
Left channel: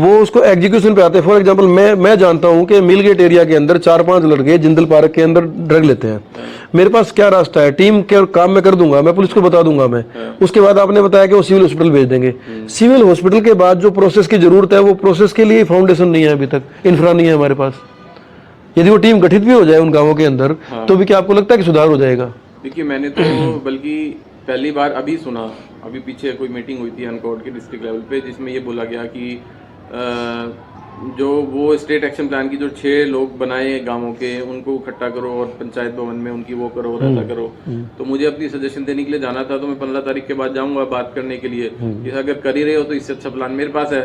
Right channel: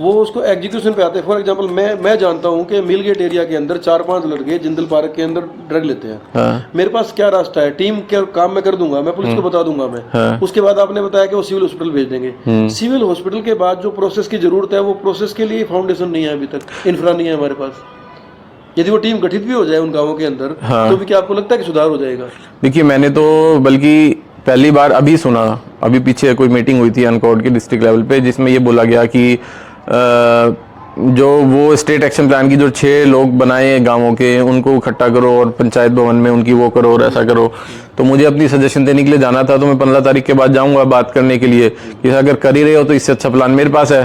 वो उसको एग्जीक्यूशन पे आते हैं। फॉर एग्जांपल मैं जानता हूँ कि मिलगेट एरिया के अंदर 4-5 लड़के जिंदल पार्क के अंदर ड्रग लेते हैं। मेरे पास क्या रास्ता है? टीम के काम मैं कर दूंगा, मैं पुलिस को बता दूंगा मैं। उसके बाद आपने बताया कि वो सिविल हॉस्पिटल भेज देंगे। सिविल हॉस्पिटल के बाद जो प्रोसेस की जरूरत है, वो प्रोसेस के लिए फाउंडेशन नहीं है, अभी तक इंफ्रा नहीं है हमारे पास। यदि वो टीम गठित भी हो जाए उन गाँवों के अंदर, तो भी क्या आपको लगता है कि सुधार हो जाएगा? देखिए, मैंने तो बल्कि पहली बार अभी सुना, अभी पीछे कोई मीटिंग हुई थी अनकॉर्ड की डिस्ट्रिक्ट लेवल पे, जिसमें ये बोला गया कि जो वो स्टेट एक्शन प्लान की जो 6 लोग बनाए गांवों के, उनको इकट्ठा करो और पंचायत भवन में उनकी वो करो और ऐसा करो। तो मुझे अपनी सजेशन देने के लिए जाना था, तो मैं 15 तारीख के बाद जाऊंगा बात करने के लिए कि अगर कर ही रहे हो तो इससे अच्छा प्लान मेरे पास है।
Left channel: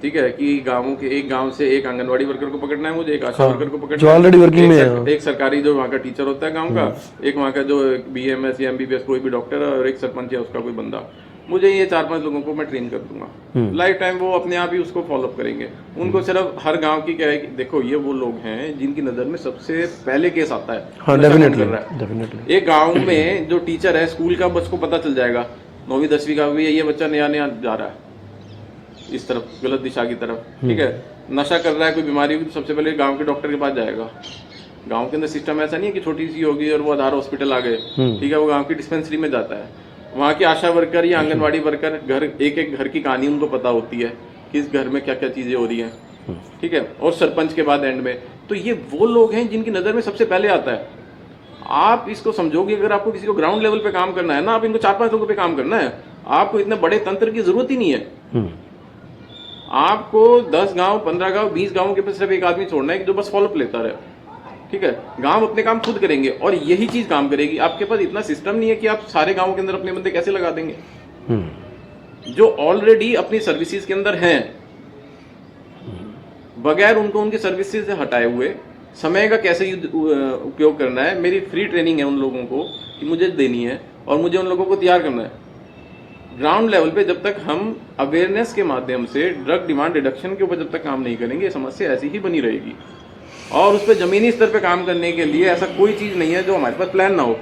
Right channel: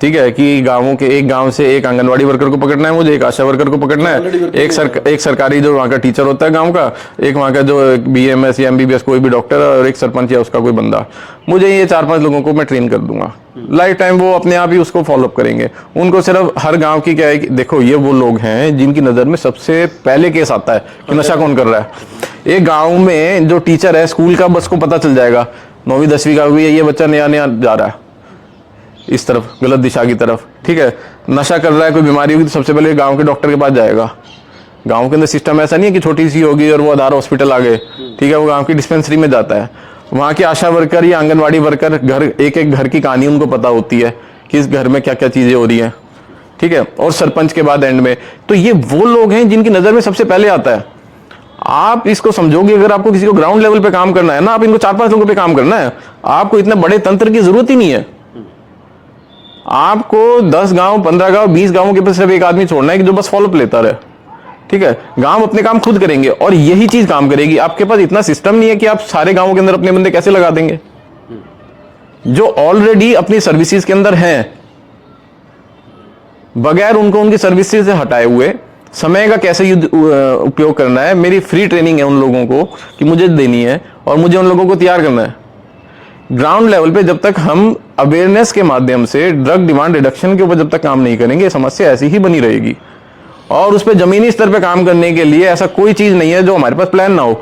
ठीक है, कि गांवों के एक गांव से एक आंगनवाड़ी वर्कर को पकड़ना है मुझे, एक आशा वर्कर को पकड़ना है, एक सरकारी जो वहाँ का टीचर होता है गांव का, एक वहाँ का जो BMS या MBBS कोई भी डॉक्टर है, और एक सरपंच या उसका कोई बंदा। मुझे ये 4-5 लोगों को मैं ट्रेन कर दूंगा, लाइफ टाइम वो अपने आप ही उसको फॉलोअप करेंगे। उनको सिर्फ हर गाँव की क्या है कि देखो, ये वो लोग हैं जिनकी नजर में सबसे पहले केस आता है कि नशा कौन कर रहा है। एक गाँव में जो टीचर है स्कूल का, बस को पता चल जाएगा 9वीं 10वीं का भी, ये बच्चा नया जा रहा है इस तरफ, गलत दिशा की तरफ। ठीक है, नशा कर रहा है, कोई बीमारी होगी तो सबसे पहले गांव के डॉक्टर के पास जाएगा। गांव के अंदर सिस्टम ऐसा नहीं है कि छोटी सी होगी और वो आधार हॉस्पिटल आ गए। ठीक है, वो गांव की डिस्पेंसरी में जाता है। वहां की आशा वर्कर या आंगनवाड़ी वर्कर घर, एक घर की कहानी उनको पता होती है कि इस घर में क्या क्या चीजें हो रही है। ठीक है, और सरपंच के बाद एंड में। तो ये वो लोग हैं जिनकी नजर में सबसे पहले आता है। आप इसको समझोगे, अगर आपको किसी को ग्राउंड लेवल पे काम करना है ना, आप इनको 4-5 लोगों पे काम करना है, आपको इतने बड़े तंत्र की जरूरत ही नहीं है। आपको 10 गांव, 15 गांव, 20 गांवों के पास सिर्फ एक आदमी छोड़ना है कि जो बस फॉलोअप लेता रहे। ठीक है, गांव अपने काम खुद करेंगे और यही चीज काम करेगी। आपके पास इतना सिस्टम नहीं है कि आप सारे गांवों के अंदर अपने बंदे कैसे लगा देंगे जो ऑलरेडी अपनी सर्विसेज के अंदर हैं, बगैर उनको उनकी सर्विसेज से हटाए हुए। समय का कैसे उपयोग करना है, मेरी फ्री ट्रेनिंग है उन लोगों को कि मुझे देनी है और मुझे उन लोगों को तैयार करना है। ग्राउंड लेवल पे जब तक हम अवेयरनेस के माध्यम से ड्रग डिमांड रिडक्शन के ऊपर जब तक काम नहीं करेंगे, समस्या ऐसी ही बनी रहेगी। और उस पर जमीनी स्तर पे काम करने के लिए ऐसा कोई चीज नहीं है जो हमारे पास प्लान ना हो,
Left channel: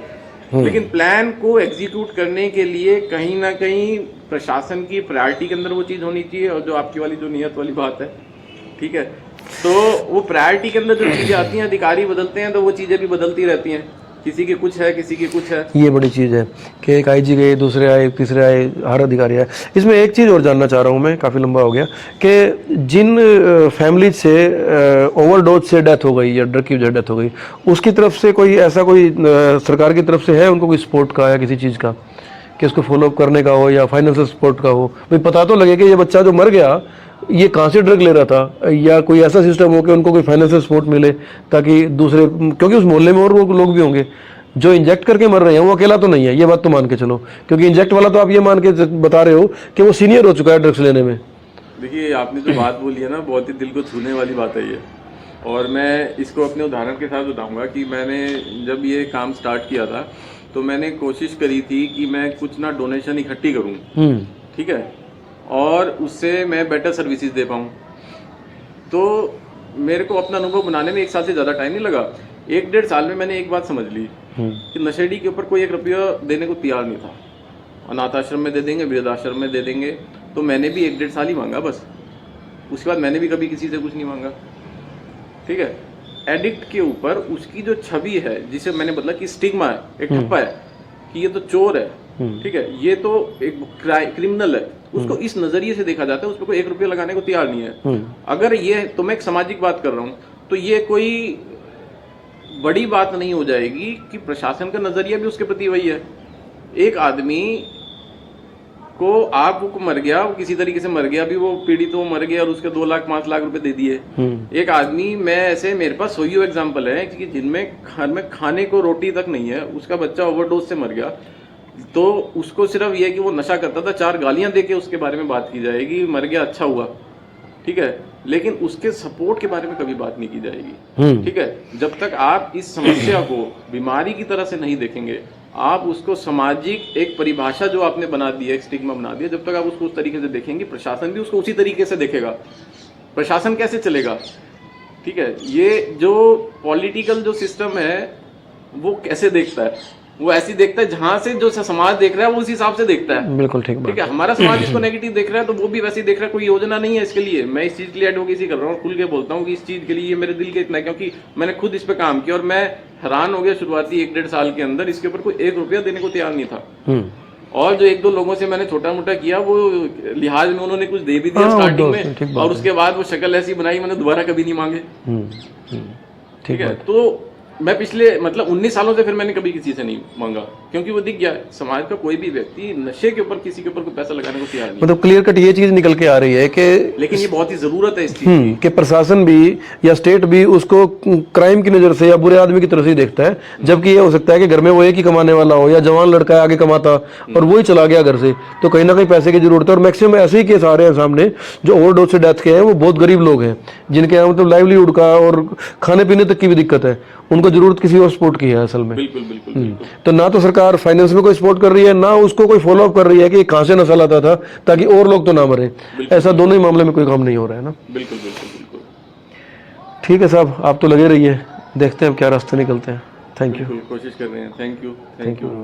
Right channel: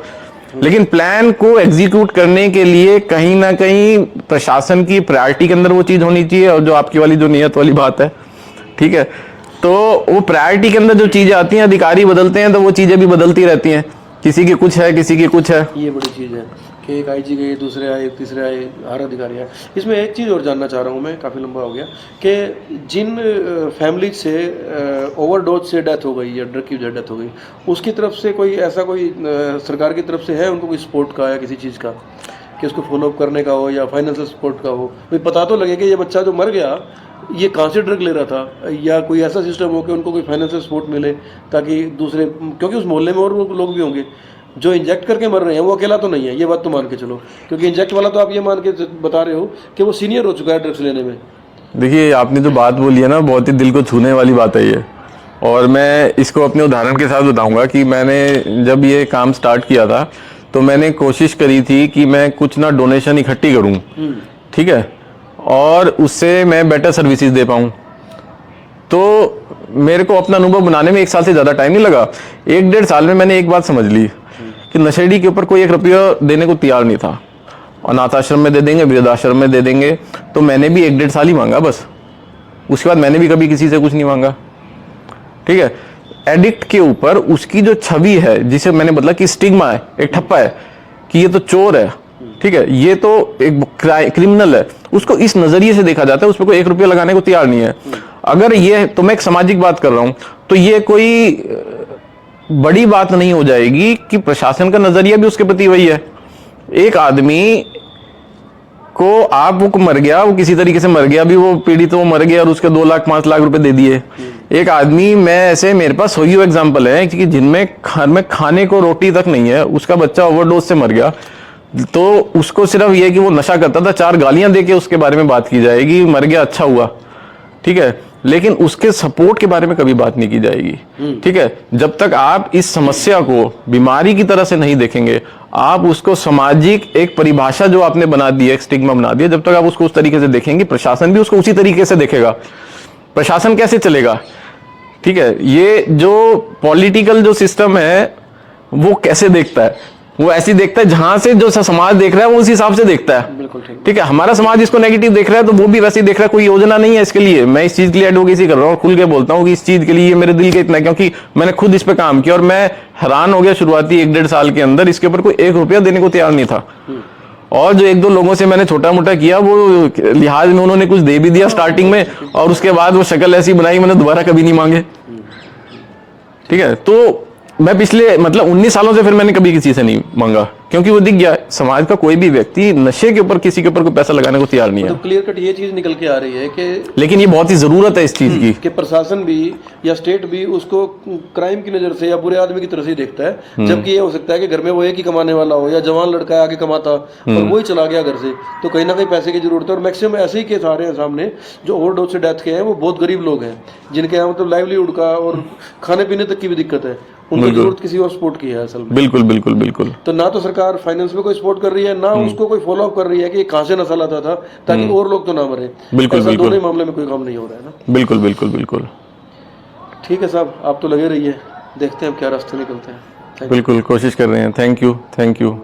लेकिन प्लान को एग्जीक्यूट करने के लिए कहीं ना कहीं प्रशासन की प्रायोरिटी के अंदर वो चीज होनी चाहिए। और जो आपकी वाली जो नियत वाली बात है, ठीक है, तो वो प्रायोरिटी के अंदर जो चीजें आती हैं, अधिकारी बदलते हैं तो वो चीजें भी बदलती रहती हैं, किसी की कुछ है, किसी की कुछ है। ये बड़ी चीज़ है कि एक IG गए, दूसरे आए, तीसरे आए, हर अधिकारी आए। इसमें एक चीज़ और जानना चाह रहा हूँ मैं, काफ़ी लंबा हो गया, कि जिन फैमिली से ओवरडोज से डेथ हो गई या ड्रग की वजह डेथ हो गई, उसकी तरफ से कोई ऐसा कोई सरकार की तरफ से है उनको कोई सपोर्ट का या किसी चीज़ का कि उसको फॉलोअप करने का हो या फाइनेंशियल सपोर्ट का हो? भाई पता तो लगे कि ये बच्चा जो मर गया ये कहाँ से ड्रग ले रहा था, या कोई ऐसा सिस्टम हो कि उनको कोई फाइनेंशियल सपोर्ट मिले, ताकि दूसरे, क्योंकि उस मोहल्ले में और वो लोग भी होंगे जो इंजेक्ट करके मर रहे हैं, वो अकेला तो नहीं है, ये बात तो मान के चलो, क्योंकि इंजेक्ट वाला तो आप ये मान के बता रहे हो कि वो सीनियर हो चुका है ड्रग्स लेने में। देखिए, आपने जो बात बोली है ना, बहुत ही दिल को छूने वाली बात है ये, और मैं इसको अपने उदाहरण के साथ बताऊंगा कि मैंने जब ये काम स्टार्ट किया था तो मैंने कोशिश करी थी कि मैं कुछ ना डोनेशन इकट्ठी करूं, ठीक है, और उससे मैं बेटर सर्विसेज दे पाऊं। तो मेरे को अपना अनुभव बनाने में 1 साल से ज्यादा टाइम नहीं लगा। 1-1.5 साल में मैंने एक बात समझ ली कि नशेड़ी के ऊपर कोई 1 रुपया देने को तैयार नहीं था। अनाथ आश्रम में दे देंगे, वृद्धाश्रम में दे देंगे, तो मैंने भी 1-1.5 साल ही मांगा बस। उसके बाद मैंने भी कभी किसी से कुछ नहीं मांगा, ठीक है। एडिक्ट के ऊपर उसकी जो छवि है, जिसे मैंने बदला कि स्टिग्मा है, एक ठप्पा है कि ये तो चोर है, ठीक है, ये तो एक क्रिमिनल है, उसको इस नजरिए से देखा जाता है, उसमें कोई 1 रुपया लगाने को तैयार नहीं है। अगर ये, तो मैं एक सामाजिक बात कर रहा हूं, तो ये कोई बड़ी बात नहीं हो जाएगी कि प्रशासन का नजरिया भी उसके प्रति वही है। एक आदमी को आप वो मर गया, वो किसी तरीके से मर गया, अभी वो पीड़ित वो मर गया और उसके 2 लाख 5 लाख रुपए दे दिए। एक आदमी, मैं ऐसे मेरे पास हुई एग्जांपल है कि जिनमें घर में खाने को रोटी तक नहीं है, उसका बच्चा ओवरडोज से मर गया, तो उसको सिर्फ ये कि वो नशा करता था, 4 गालियां देके उसके बारे में बात की जाएगी, मर गया अच्छा हुआ, ठीक है, लेकिन उसके सपोर्ट के बारे में कभी बात नहीं की जाएगी। ठीक है, जब तक आप इस समस्या को बीमारी की तरह से नहीं देखेंगे, आप उसको सामाजिक एक परिभाषा जो आपने बना दी है, एक स्टिग्मा बना दिया, जब तक आप उसको उस तरीके से देखेंगे, प्रशासन भी उसको उसी तरीके से देखेगा। प्रशासन कैसे चलेगा? ठीक है, ये जो पॉलिटिकल जो सिस्टम है वो कैसे देखता है? वो ऐसी देखता है जहां से जो समाज देख रहा है वो उस हिसाब से देखता है। बिल्कुल ठीक है, हमारा समाज इसको नेगेटिव देख रहा है तो वो भी वैसे ही देख रहा है। कोई योजना नहीं है इसके लिए। मैं इस चीज के लिए एडवोकेसी कर रहा हूँ और खुल के बोलता हूँ कि इस चीज के लिए मेरे दिल के इतना है, क्योंकि मैंने खुद इस पे काम किया और मैं हैरान हो गया शुरुआती 1-1.5 साल के अंदर इसके ऊपर कोई 1 रुपया देने को तैयार नहीं था। और जो 1-2 लोगों से मैंने छोटा मोटा किया वो लिहाज में उन्होंने कुछ दे भी दिया स्टार्टिंग में, और उसके बाद वो शक्ल ऐसी बनाई मैंने दोबारा कभी नहीं मांगे। ठीक है, तो मैं पिछले मतलब 19 सालों से फिर मैंने कभी किसी से नहीं मांगा, क्योंकि वो दिख गया समाज का कोई भी व्यक्ति नशे के ऊपर किसी के ऊपर कोई पैसा लगाने को तैयार नहीं है। मतलब क्लियर कट ये चीज निकल के आ रही है कि लेकिन ये बहुत ही जरूरत है इस चीज की कि प्रशासन भी या स्टेट भी उसको क्राइम की नजर से या बुरे आदमी की तरह से ही देखता है, जबकि ये हो सकता है कि घर में वो एक ही कमाने वाला हो या जवान लड़का है आगे कमाता और वो ही चला गया घर से, तो कहीं ना कहीं पैसे की जरूरत है। और मैक्सिमम ऐसे ही केस आ रहे हैं सामने जो ओवरडोज से डेथ के हैं, वो बहुत गरीब लोग हैं जिनके यहाँ मतलब लाइवलीहुड का और खाने पीने तक की भी दिक्कत है, उनको जरूरत किसी और सपोर्ट की है असल में। बिल्कुल बिल्कुल बिल्कुल। तो ना तो सरकार फाइनेंस में कोई सपोर्ट कर रही है, ना उसको कोई फॉलो अप कर रही है कि कहां से नशा लाता था ताकि और लोग तो ना मरे। ऐसा दोनों ही मामले में कोई काम नहीं हो रहा है ना। बिल्कुल बिल्कुल बिल्कुल। ठीक है साहब, आप तो लगे रहिए, देखते हैं अब क्या रास्ते निकलते हैं। Thank you. बिल्कुल कोशिश कर रहे हैं। Thank you.